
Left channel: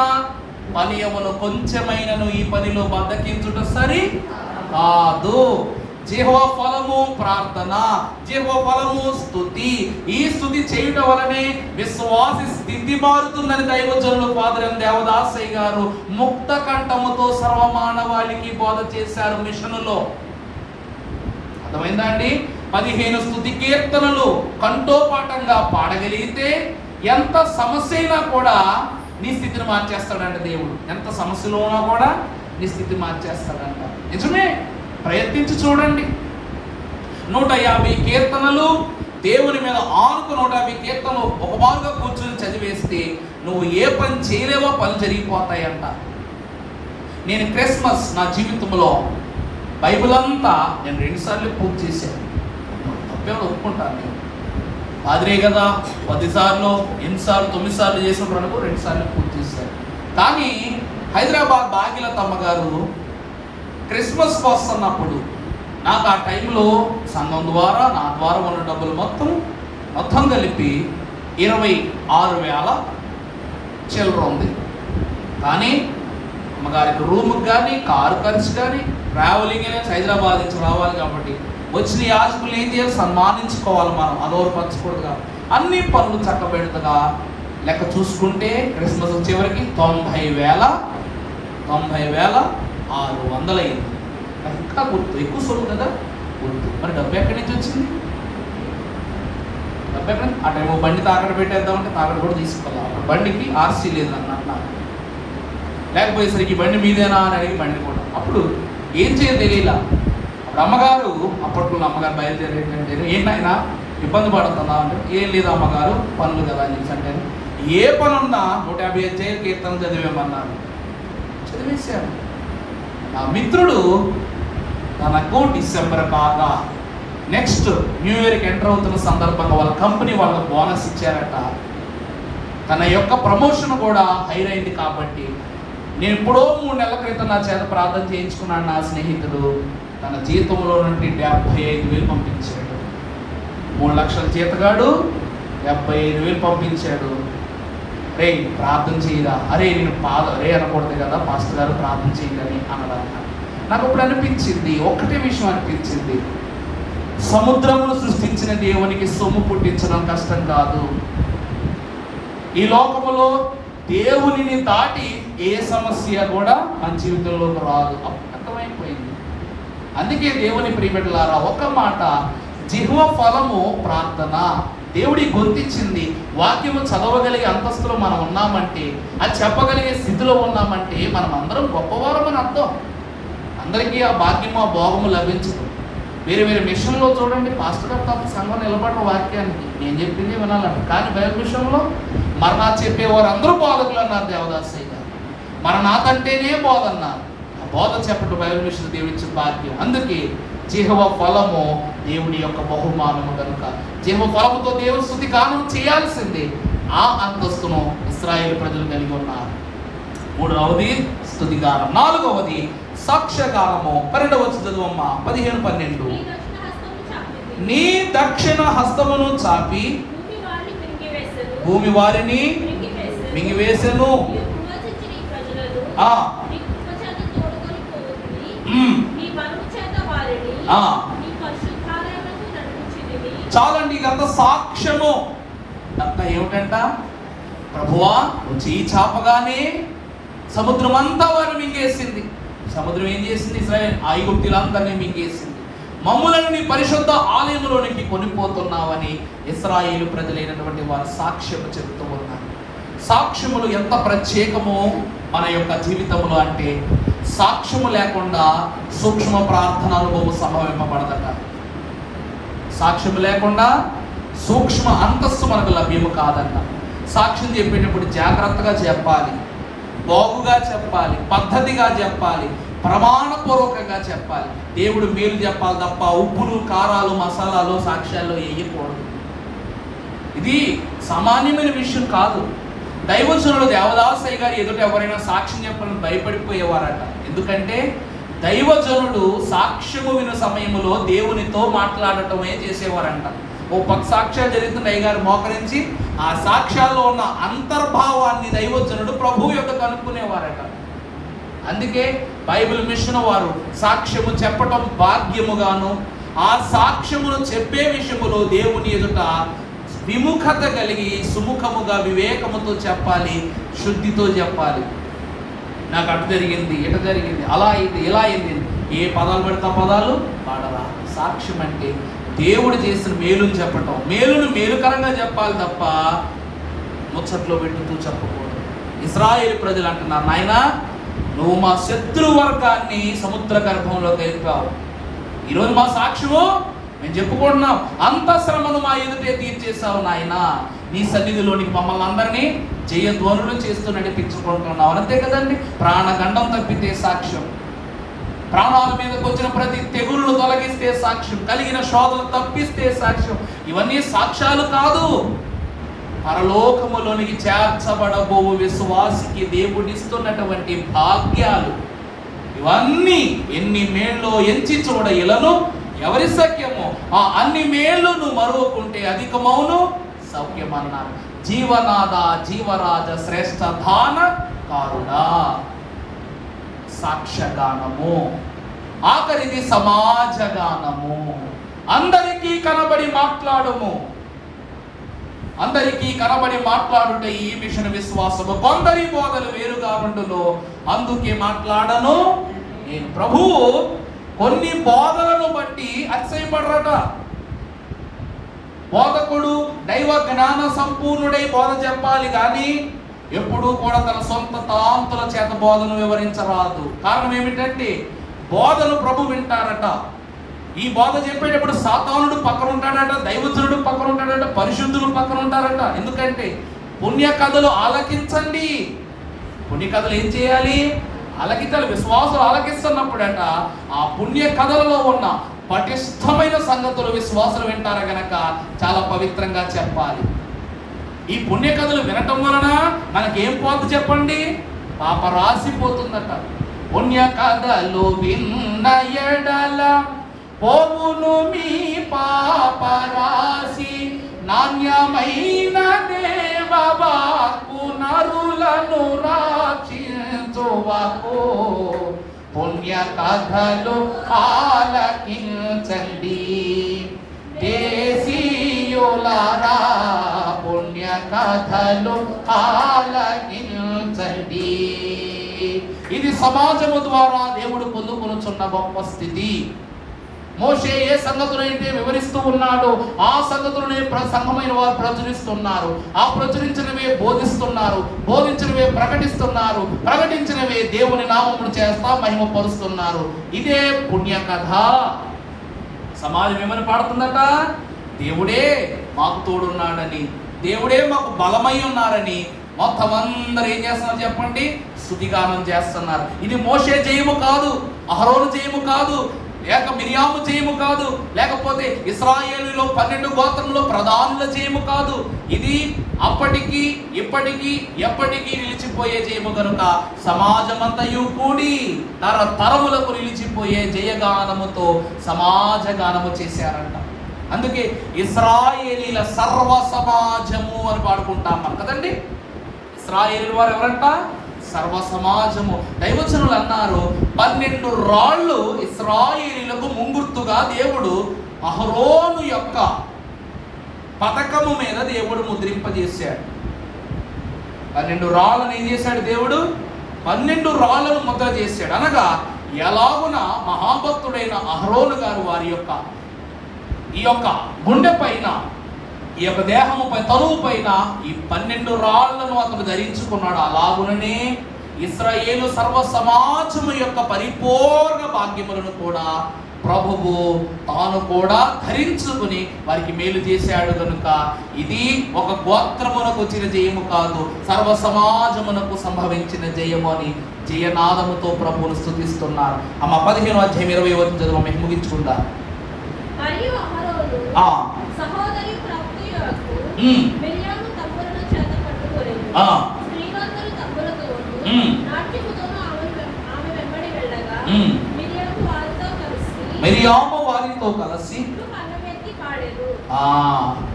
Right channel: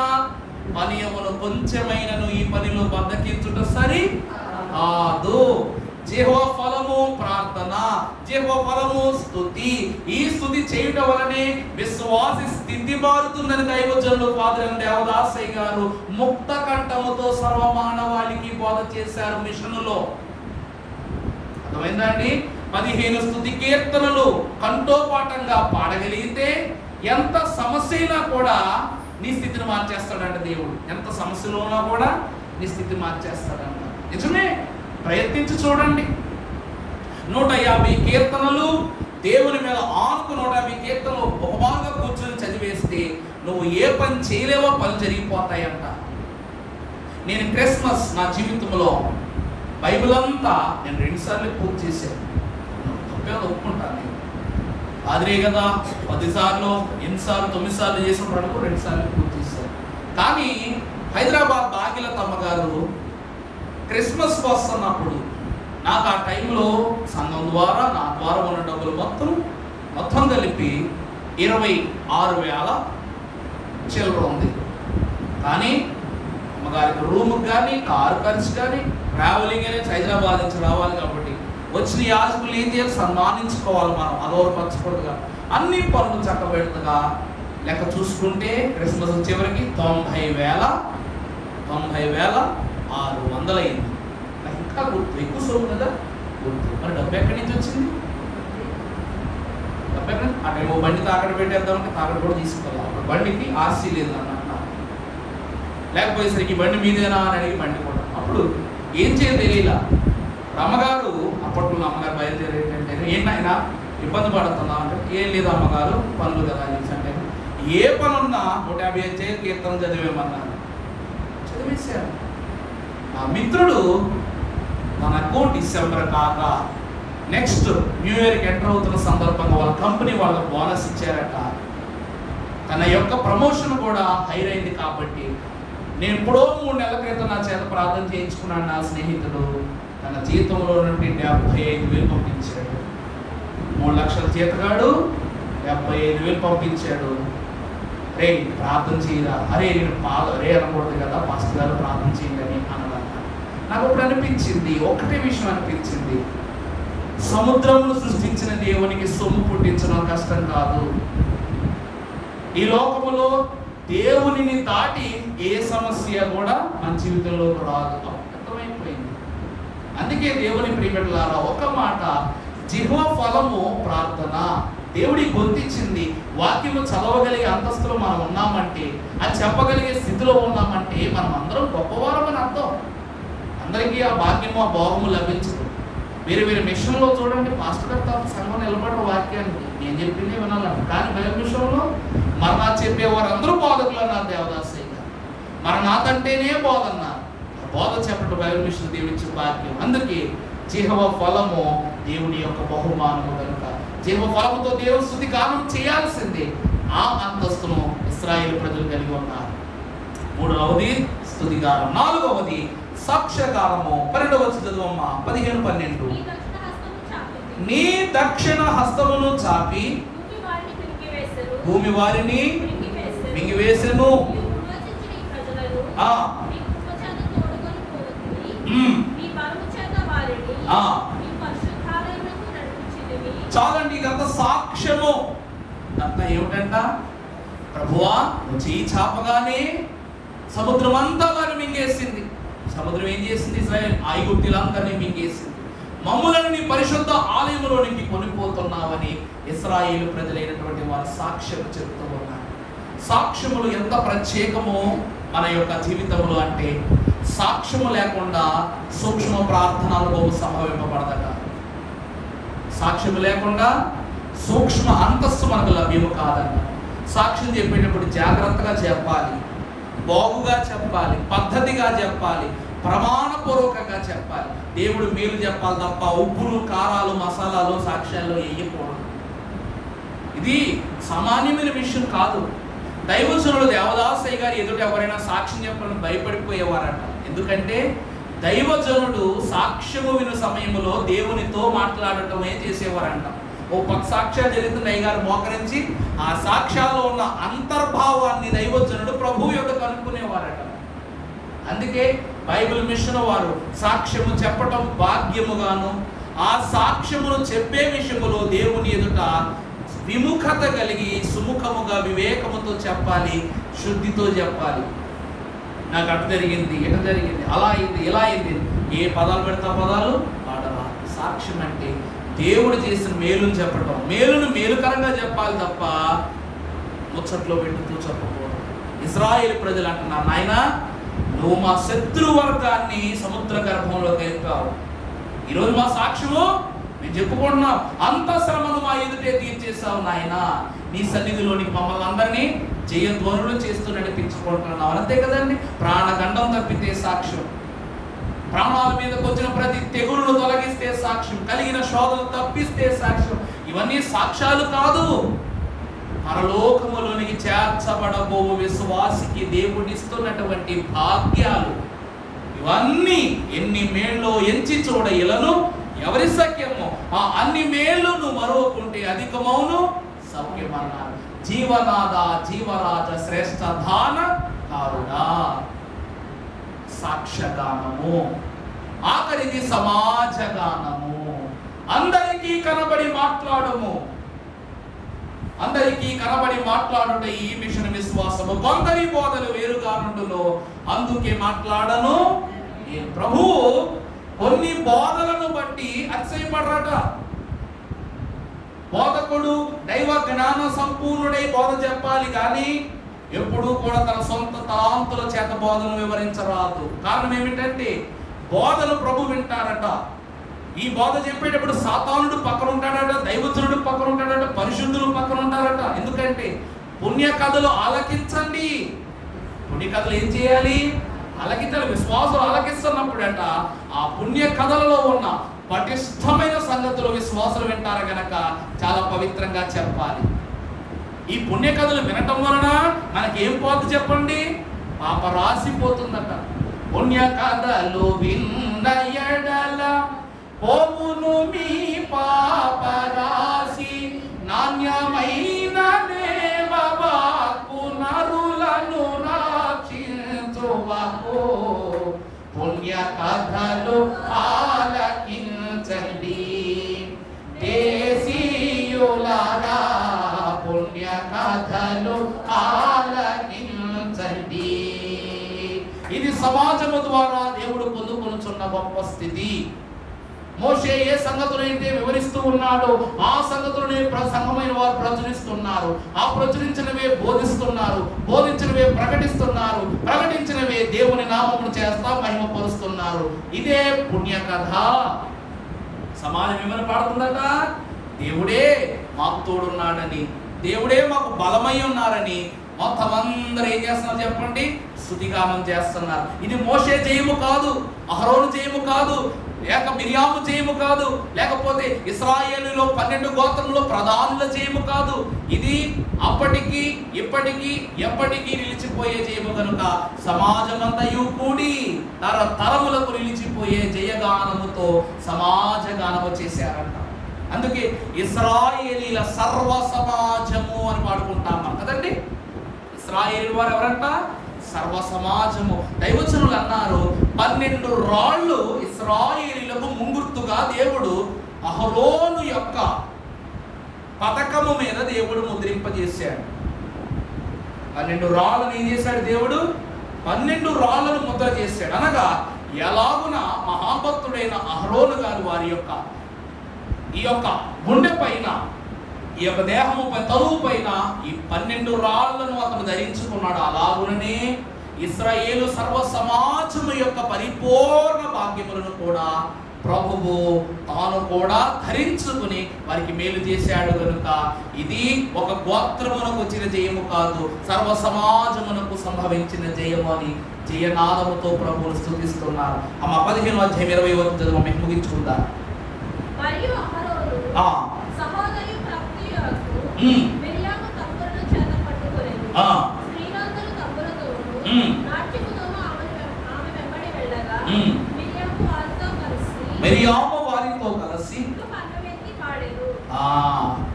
పనియమును కొంచెమైనను ఈ పనిలో బద్దకించుట సరి కాదు. యెహోవా ఫలము ప్రార్థన, యెహోవా ఫలము స్తుతి. ఈ స్తుతి చేయుట వలనే విశ్వాసి స్థితి మారుతుందని దైవజనులు ఫాదర్ దేవదాసయ్య గారు ముక్త కంఠముతో సర్వమానవాళికి బోధ చేశారు మిషనులో. అర్థమైందా అండి? 15 స్తుతి కీర్తనలు కంఠోపాఠంగా పాడగలిగితే ఎంత సమస్య అయినా కూడా నీ స్థితిని మార్చేస్తాడంట దేవుడు. ఎంత సమస్యలో ఉన్నా కూడా నీ స్థితి మార్చేస్తాడంట. నిజమే, ప్రయత్నించి చూడండి. 150 కీర్తనలు దేవుని మీద ఆనుకు 150 కీర్తనలు ఒక బాగా కూర్చొని చదివేస్తే నువ్వు ఏ పని చేయలేవో పని జరిగిపోతాయంట. నేను క్రిస్మస్ నా జీవితంలో బైబిల్ అంతా నేను 2 సార్లు పూర్తి చేశాను. తప్పేమో ఒప్పుకుంటాను. నేను పాదిరే కదా 10 సార్లు 8 సార్లు 9 సార్లు చేసినప్పుడు అనుకో 2 సార్లు పూర్తి చేశాను. కానీ హైదరాబాద్ భాగ్యలతమ్మ గారు క్రిస్మస్ వస్తున్నప్పుడు నాకు ఆ టైంలో సంఘం ద్వారా నా ద్వారా ఉన్న డబ్బులు మొత్తం కలిపి 26,000 చిల్లర ఉంది. కానీ అమ్మగారికి రూమ్కి కానీ కారు ఖర్చు కానీ ట్రావెలింగ్ అనేది హైదరాబాద్ నుంచి రావాలి కాబట్టి వచ్చిన యాజకులు ఏం చేయాలి? సన్మానించుకోవాలి మనం, అలోరపరచకూడదుగా. అన్ని పనులు చక్కబెడుతుగా లెక్క చూసుకుంటే క్రిస్మస్ చివరికి 90,600 అయింది. నాకు ఇంకా గుర్తు, ఎక్కువ సొమ్ము కదా గుర్తు. మరి డబ్బు ఎక్కడి నుంచి వచ్చింది? డబ్బు ఎక్కడ? ఆ టైం బండి తాకట్టు పెట్టేద్దామంటే తాకట్టు కూడా తీసుకోవాలి. అప్పుడు బండికి ఆర్సీ లేదన్నమాట. లేకపోయేసరికి బండి మీదేనా అని అడిగి బండి కూడా అప్పుడు ఏం చేయాలి తెలియలా. అప్పుడు అమ్మగారు, అప్పట్లో అమ్మగారు బయలుదేరి ఏంటంటే ఏంటైనా ఇబ్బంది పడుతుందా అంటే ఏం లేదు అమ్మగారు పనులు కదా అని చెప్పి అంటే ఏ పనున్నా 150 కీర్తన చదివేమన్నారు. చదివేశాను. నా మిత్రుడు తనకు డిసెంబర్ కాక నెక్స్ట్ న్యూ ఇయర్కి ఎంటర్ అవుతున్న సందర్భంగా వాళ్ళ కంపెనీ వాళ్ళకి బోనస్ ఇచ్చారట. తన యొక్క ప్రమోషన్ కూడా హైర్ అయింది కాబట్టి నేను ఎప్పుడో 3 నెలల క్రితం నా చేత ప్రార్థన చేయించుకున్నాను. నా స్నేహితుడు తన జీతంలో నుండి 75,000 పంపించాడు. 3 లక్షల జీతగాడు 75,000 పంపించాడు. రే ప్రార్థన చేయరా, అరే నేను అరే అనకూడదు కదా పాస్టర్ గారు ప్రార్థన చేయదని అనడం. నాకు ఇప్పుడు అనిపించింది, ఒక్కటే విషయం అనిపించింది, సముద్రమును సృష్టించిన దేవునికి సొమ్ము పుట్టించడం కష్టం కాదు. ఈ లోకములో దేవునిని దాటి ఏ సమస్య కూడా మన జీవితంలోకి రాదు. అర్థమైపోయింది. అందుకే దేవుని ప్రియబిడ్డలారా, ఒక మాట, జిహ్వ ఫలము ప్రార్థన. దేవుడి గుర్తించింది. వాక్యము చదవగలిగే అంతస్తులో మనం ఉన్నామంటే, అది చెప్పగలిగే స్థితిలో ఉన్నామంటే మనం అందరం గొప్పవారమని అర్థం. అందరికీ ఆ భాగ్యము ఆ భోగము లభించదు. వేరే వేరే మిషన్లో చూడండి, పాస్టర్ గారు తప్ప సంఘం నిలబడిన వాక్యానికి నేను చెప్పింది వినాలంట. కానీ బైబిల్ మిషన్లో మరణాత్ చెప్పేవారు అందరూ బోధకులు అన్నారు దేవదాసయ్య గారు. మరణాత్ అంటేనే బోధ అన్నారు. ఆ బోధ చెప్పడం బైబిల్ మిషన్ దేవుడిచ్చిన భాగ్యం. అందుకే జిహ్వ ఫలము దేవుడి యొక్క బహుమానము కనుక జిహ్వ ఫలముతో దేవుని స్తుతి గానం చేయాల్సిందే. ఆ అంతస్తును ఇశ్రాయేలు ప్రజలు కలిగి ఉన్నారు. మూడవది స్తుతిగానం. నాలుగవది సాక్ష్యగానము. 12వ చదువమ్మ 15-12. నీ దక్షిణ హస్తమును చాపి భూమి వారిని మింగివేసెను. చాలండి, ఇదంతా సాక్ష్యము. అంతా ఏమిటంట, ప్రభువా చెయ్యి చాపగానే సముద్రం అంతా వారు మింగేసింది. సముద్రం ఏం చేసింది? ఇశ్రాయేలు ఐగుప్తులందరినీ మింగేసింది. మమ్ములను నీ పరిశుద్ధ ఆలయంలోనికి కొనిపోతున్నావని ఇశ్రాయేలు ప్రజలైనటువంటి వారు సాక్ష్యము చెబుతూ ఉన్నారు. సాక్ష్యములు ఎంత ప్రత్యేకమో మన యొక్క జీవితంలో అంటే, సాక్ష్యము లేకుండా సూక్ష్మ ప్రార్థన అనుభవం సంభవింపబడదట. సాక్ష్యము లేకుండా సూక్ష్మ అంతస్తు మనకు లభ్యము కాదన్న. సాక్ష్యం చెప్పేటప్పుడు జాగ్రత్తగా చెప్పాలి, బాగుగా చెప్పాలి, పద్ధతిగా చెప్పాలి, ప్రమాణపూర్వకంగా చెప్పాలి. దేవుడు మేలు చెప్పాలి తప్ప ఉప్పులు కారాలు మసాలాలు సాక్ష్యాల్లో వేయకూడదు. ఇది సామాన్యమైన విషయం కాదు. దైవజనుడు దేవదాసయ్య గారు ఎదుట ఎవరైనా సాక్ష్యం చెప్పాలని భయపడిపోయేవారట. ఎందుకంటే దైవజనుడు సాక్ష్యము విను సమయంలో దేవునితో మాట్లాడటమే చేసేవారంట. ఓ పక్క సాక్ష్యాలు జరుగుతున్న అయ్యగారు మోకరించి ఆ సాక్ష్యాల్లో ఉన్న అంతర్భావాన్ని దైవజనుడు ప్రభువు యొక్క కనుక్కునేవారట. అందుకే బైబిల్ మిషన్ వారు సాక్ష్యము చెప్పటం భాగ్యముగాను, ఆ సాక్ష్యమును చెప్పే విషయములో దేవుని ఎదుట విముఖత కలిగి సుముఖముగా వివేకముతో చెప్పాలి, శుద్ధితో చెప్పాలి. నాకు అటు జరిగింది, ఎటు జరిగింది, అలా అయింది, ఇలా అయింది, ఏ పదాలు పెడతా పదాలు వాడరా. సాక్ష్యం అంటే దేవుడు చేసిన మేలుని చెప్పటం, మేలును మేలుకరంగా చెప్పాలి తప్ప ముచ్చట్లో పెట్టుతూ చెప్పకూడదు. ఇశ్రాయేలు ప్రజలు అంటున్నారు, నాయనా నువ్వు మా శత్రు వర్గాన్ని సముద్ర గర్భంలో కలిపావు. ఈరోజు మా సాక్ష్యము మేము చెప్పుకుంటున్నాం, అంత శ్రమను మా ఎదుటే తీర్చేసావు నాయన. నీ సన్నిధిలోనికి మమ్మల్ని అందరినీ జయధ్వనులు చేస్తూ నడిపించుకుంటున్నావు. అంతే కదండి. ప్రాణగండం తప్పితే సాక్ష్యం, ప్రాణాల మీదకి వచ్చిన ప్రతి తెగులను తొలగిస్తే సాక్ష్యం, కలిగిన శోధన తప్పిస్తే సాక్ష్యం. ఇవన్నీ సాక్ష్యాలు కాదు. పరలోకములోనికి చేర్చబడబో విశ్వాసికి దేవుడిస్తున్నటువంటి భాగ్యాలు. ఇవన్నీ ఎన్ని మేళ్ళో ఎంచి చూడ ఇలను ఎవరి సఖ్యము, ఆ అన్ని మేళ్లను మరువకుంటే అధికమౌను సౌఖ్యమన్నారు. జీవనాద జీవరాజ శ్రేష్ఠ దాన కారుడా. సాక్ష్యగానము. ఆఖరిది సమాజగానము. అందరికీ కనబడి మాట్లాడము. అందరికీ కనబడి మాట్లాడుట ఈ మిషన్ విశ్వాసము. కొందరి బోధలు వేరుగా నుండులో, అందుకే మాట్లాడను నేను. ప్రభువు కొన్ని బోధలను బట్టి అతిశయపడరట. బోధకుడు దైవ జ్ఞాన సంపూర్ణుడై బోధ చెప్పాలి కానీ ఎప్పుడూ కూడా తన సొంత తాంతుల చేత బోధను వివరించరాదు. కారణం ఏమిటంటే బోధను ప్రభు వింటారట. ఈ బోధ చెప్పేటప్పుడు సాతానుడు పక్కన ఉంటాడట, దైవజనుడు పక్కన ఉంటాడట, పరిశుద్ధులు పక్కన ఉంటారట. ఎందుకంటే పుణ్య కథలు ఆలకించండి. పుణ్య కథలు ఏం చేయాలి? ఆలకించాలి. విశ్వాసులు ఆలకిస్తున్నప్పుడట ఆ పుణ్య కథలలో ఉన్న పటిష్టమైన సంగతులు విశ్వాసులు వింటారు గనక చాలా పవిత్రంగా చెప్పాలి. ఈ పుణ్య కథలు వినటం వలన మనకేం పోతు చెప్పండి? పాప రాసిపోతుందట. పుణ్య కథలు విన్న ఎడల పోవును మీ పాప రాసి, నాణ్యమైన దేవవాక్కున నన్ను రక్షించువాకు పుణ్య కథలు ఆలకించండి దేశీయులారా పుణ్య కథలు ఆలకించండి. ఇది సమాజము ద్వారా దేవుడు పొందుకొనుచున్న గొప్ప స్థితి. మోషే ఏ సంగతులైతే వివరిస్తూ ఉన్నాడో ఆ సంగతులనే సంఘమైన వారు ప్రచురిస్తున్నారు. ఆ ప్రచురించినవే బోధిస్తున్నారు, బోధించినవే ప్రకటిస్తున్నారు, ప్రకటించినవే దేవుని నామమును చేస్తా మహిమపరుస్తున్నారు. ఇదే పుణ్య కథ. సమాజం ఏమని పాడుతుందట? దేవుడే మాకు తోడున్నాడని, దేవుడే మాకు బలమై ఉన్నారని మొత్తం అందరూ ఏం చేస్తున్నారు చెప్పండి? స్తుతిగానం చేస్తున్నారు. ఇది మోషే జయము కాదు, అహరోను జయము కాదు, లేక మిరియాము జయము కాదు, లేకపోతే ఇశ్రాయేలులో 12 గోత్రంలో ప్రధానుల జయము కాదు. ఇది అప్పటికి ఇప్పటికీ ఎప్పటికీ నిలిచిపోయే జయము కనుక సమాజమంతయు కూడి తరములకు నిలిచిపోయే జయగానముతో సమాజ గానము చేశారంట. అందుకే ఇశ్రాయేలీల సర్వ సమాజము అని పాడుకుంటాం మనం కదండి. ఇశ్రాయేలీల వారు ఎవరంట? సర్వ సమాజము. దైవజనులు అన్నారు 12 రాళ్ళు ఇశ్రాయేలీలకు ముంగుర్తుగా దేవుడు అహరోను యొక్క పతకము మీద దేవుడు ముద్రింపజేశాడు. 12 రాళ్ళను ఏం చేశాడు దేవుడు? 12 రాళ్లను ముద్ర చేశాడు. అనగా ఎలాగున మహాభక్తుడైన అహరోను గారు వారి యొక్క ఈ యొక్క గుండె పైన, ఈ యొక్క దేహము పై, తనువు పైన ఈ 12 రాళ్లను అతను ధరించుకున్నాడు. అలాగుననే ఇశ్రాయేలు సర్వ సమాజము యొక్క పరిపూర్ణ భాగ్యములను కూడా ప్రభువు తాను కూడా ధరించుకుని వారికి మేలు చేశాడు కనుక ఇది ఒక గోత్రమునకు వచ్చిన జయము కాదు, సర్వ సమాజమునకు సంభవించిన జయము అని జయనాదముతో ప్రభువును స్తుతిస్తున్నారు. అమ్మ 15వ అధ్యాయం 20వ వచనం చదువు, మేము ముగించుకుందాం. మరియు అహరోను సహోదరి ప్రత్యయకు మిరియాము తమ్ములను చేత పట్టుకొనెను. స్త్రీలందరూ తమ్ములతోను నాట్యముతోను ఆమె వెంబడి వెళ్ళగా మిరియాము వారితో కలిసి పర్వమెత్తి పాడెను.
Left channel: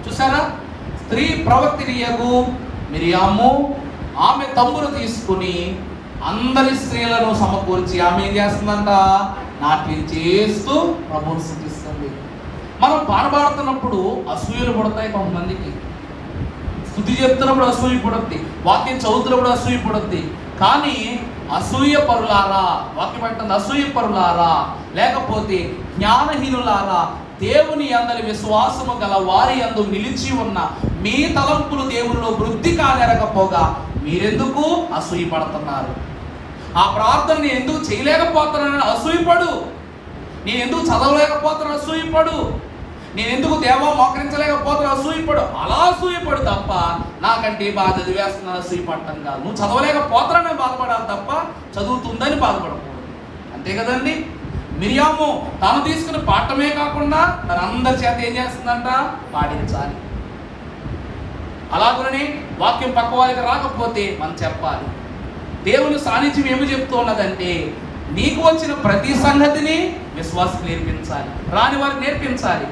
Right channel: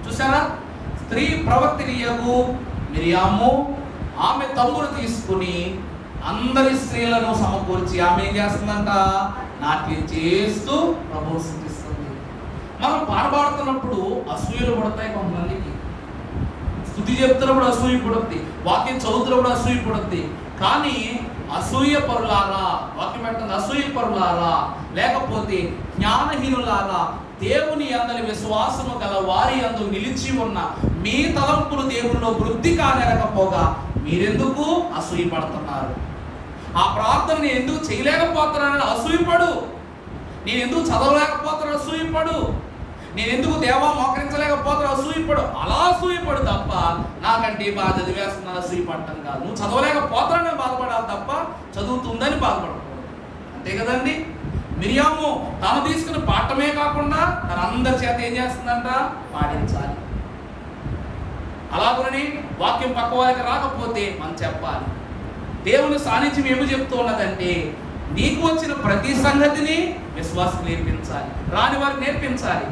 చూసారా? స్త్రీ ప్రవక్తినియగు మిరియాము ఆమె తమ్మును తీసుకుని అందరి స్త్రీలను సమకూర్చి ఆమె ఏం చేస్తుందంట? నాట్యం చేస్తూ ప్రభువును స్తుతిస్తుంది. మనం పాడబడుతున్నప్పుడు అసూయలు పుడతాయి కొంతమందికి. స్తుతి చెప్తున్నప్పుడు అసూయ పుడుద్ది, వాక్యం చదువుతున్నప్పుడు అసూయ పుడుద్ది. కానీ అసూయ పరులారా, వాక్యం అంటుంది అసూయ పరులారా, లేకపోతే జ్ఞానహీనులారా, దేవుని అందరి విశ్వాసము గల వారి యందు నిలిచి ఉన్న మీ తలంపులు దేవునిలో వృద్ధి కాలేకపోగా మీరెందుకు అసూయ పడుతున్నారు? ఆ ప్రార్థన నేను ఎందుకు చేయలేకపోతున్నానని అసూయపడు. నేను ఎందుకు చదవలేకపోతున్నా అసూయపడు. నేను ఎందుకు దేవా మోకరించలేకపోతున్నా అసూయపడు. అలా అసూయపడు తప్ప నాకంటే బాగా చదివేస్తున్నాను అసూయపడటం కాదు. నువ్వు చదవలేకపోతున్నానని బాధపడాలి తప్ప చదువుతుందని బాధపడకూడదు. అంతే కదండి. మిరియాము తాను తీసుకుని పాడటమే కాకుండా తన అందరి చేత ఏం చేస్తుందంట? పాడించాలి. అలాగనే వాక్యం పక్క వారికి రాకపోతే మనం చెప్పాలి. దేవుని సాన్నిధ్యం ఏమి చెప్తూ ఉన్నదంటే నీకు వచ్చిన ప్రతి సంగతిని విశ్వాసం నేర్పించాలి, రాని వారికి నేర్పించాలి.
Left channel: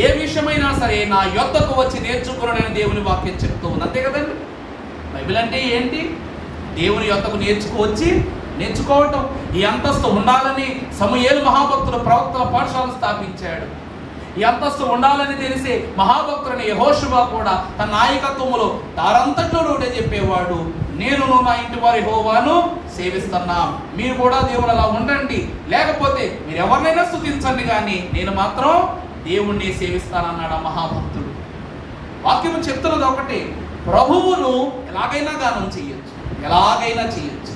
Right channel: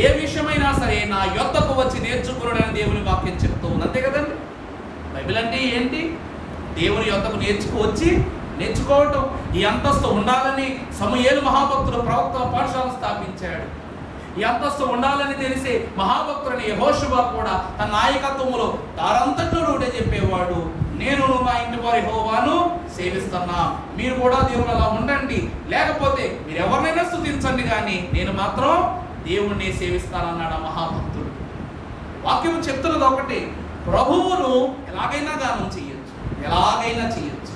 ఏ విషయమైనా సరే నా యొద్దకు వచ్చి నేర్చుకున్నాడని దేవుని వాక్యం చెప్తూ ఉంది. అంతే కదండి. బైబిల్ అంటే ఏంటి? దేవుని యొద్దకు నేర్చుకోవటం. ఈ అంతస్తు ఉండాలని సమూయేలు మహాభక్తుడు ప్రవక్తల పాఠశాల స్థాపించాడు. ఈ అంతస్తు ఉండాలని తెలిసే మహాభక్తుడని యెహోషువ కూడా తన నాయకత్వములో దారంతట్లో నోటే చెప్పేవాడు, నేను నా ఇంటి వారి యెహోవాను సేవిస్తున్నా, మీరు కూడా దేవుడు అలా ఉండండి, లేకపోతే మీరు ఎవరినైనా స్తుతించండి కానీ నేను మాత్రం దేవుణ్ణి సేవిస్తానన్నాడు ఆ మహాభక్తుడు. వాక్యము చెప్తున్నది ఒకటి, ప్రభువును ఎలాగైనా గానం చేయొచ్చు, ఎలాగైనా చేయొచ్చు.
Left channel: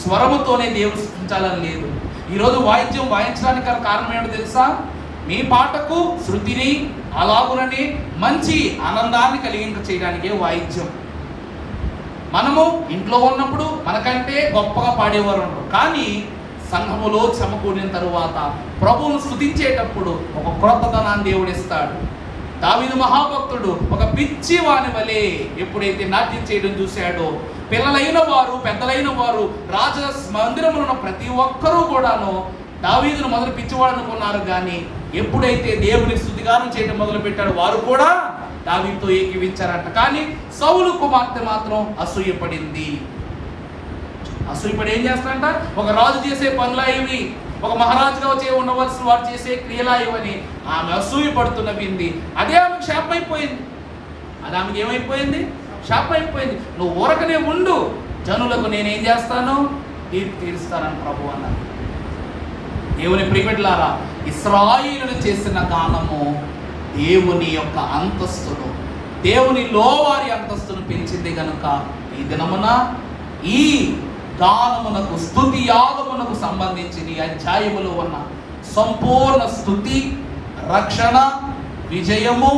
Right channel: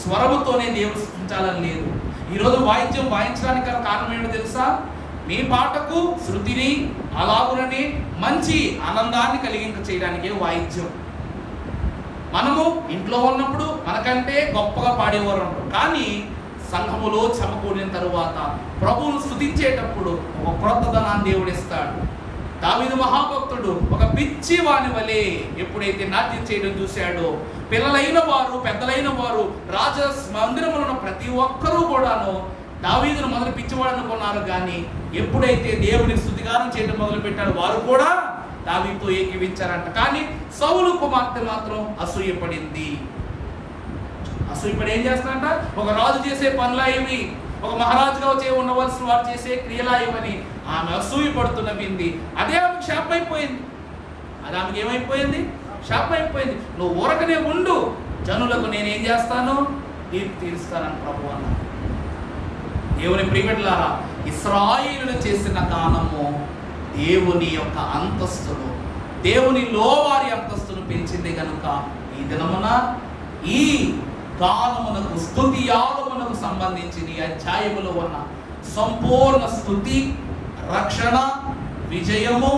స్వరముతోనే దేవుడు స్తుతించాలని లేదు. ఈరోజు వాయిద్యం వాయించడానికి కారణం ఏమిటో తెలుసా? మీ పాటకు శృతిని అలాగునని మంచి ఆనందాన్ని కలిగింప చేయడానికే వాయిద్యం. మనము ఇంట్లో ఉన్నప్పుడు మనకంటే గొప్పగా పాడేవారు ఉంటారు, కానీ సంఘములో సమకూడిన తరువాత ప్రభువును స్తుతించేటప్పుడు ఒక క్రొత్తదనాన్ని దేవుడు ఇస్తాడు. దావీదు మహాభక్తుడు ఒక పిచ్చి వాని వలె ఎప్పుడైతే నాట్యం చేయడం చూశాడో, పిల్లలైన వారు పెద్దలైన వారు రాజ మందిరంలో ఉన్న ప్రతి ఒక్కరూ కూడాను దావీదును మొదలు పిచ్చివాడు అనుకున్నారు, కానీ ఎప్పుడైతే దేవుని స్తుతిగానం చేయడం మొదలు పెట్టాడు వారు కూడా దావీదుతో ఏకీవించారంట. కానీ సౌలు కుమార్తె మాత్రం అసూయపడింది. అసూయపడి ఏం చేస్తాడంట, ఒక రాజు చేసే పనులా ఇవి, ఒక మహారాజుగా ఉండవలసిన వాడు చేసే క్రియలా ఇవని ఆమె అసూయపడుతున్న వింది. అదే ఆమెకు శాపం అయిపోయింది. అది ఆమెకి ఏమైపోయింది? శాపం అయిపోయింది. నువ్వు ఊరకనే ఉండు, జనులకు నేనేం చేస్తాను, తీర్పు తీరుస్తానని ప్రభు అన్నారు. దేవుని ప్రియబిడ్డలారా, ఇశ్రాయేలును చేసిన గానము దేవుని యొక్క అంతస్తును, దేవునిలో వారి అంతస్తును పెంచింది కనుక ఈ దినమున ఈ గానమునకు, స్తుతి యాగమునకు సంబంధించిన ఈ అధ్యాయములో ఉన్న సంపూర్ణ స్తుతి, రక్షణ, విజయము,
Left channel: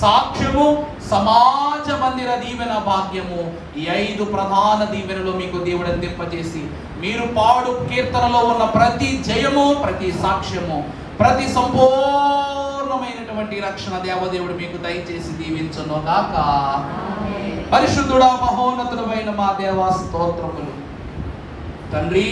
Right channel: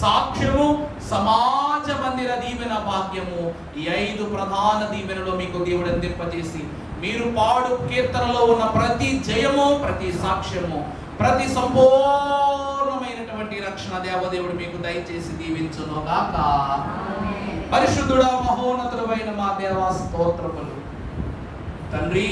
సాక్ష్యము, సమాజ మందిర దీవెన భాగ్యము, ఈ 5 ప్రధాన దీవెనలో మీకు దేవుడు అందింపజేసి మీరు పాడు కీర్తనలో ఉన్న ప్రతి జయము, ప్రతి సాక్ష్యము, ప్రతి సంపూర్ణమైనటువంటి రక్షణ దేవదేవుడు మీకు దయచేసి దీవించును గాక. పరిశుద్ధుడా, మహోన్నతుడైన మా దేవా స్తోత్రములు. తండ్రి,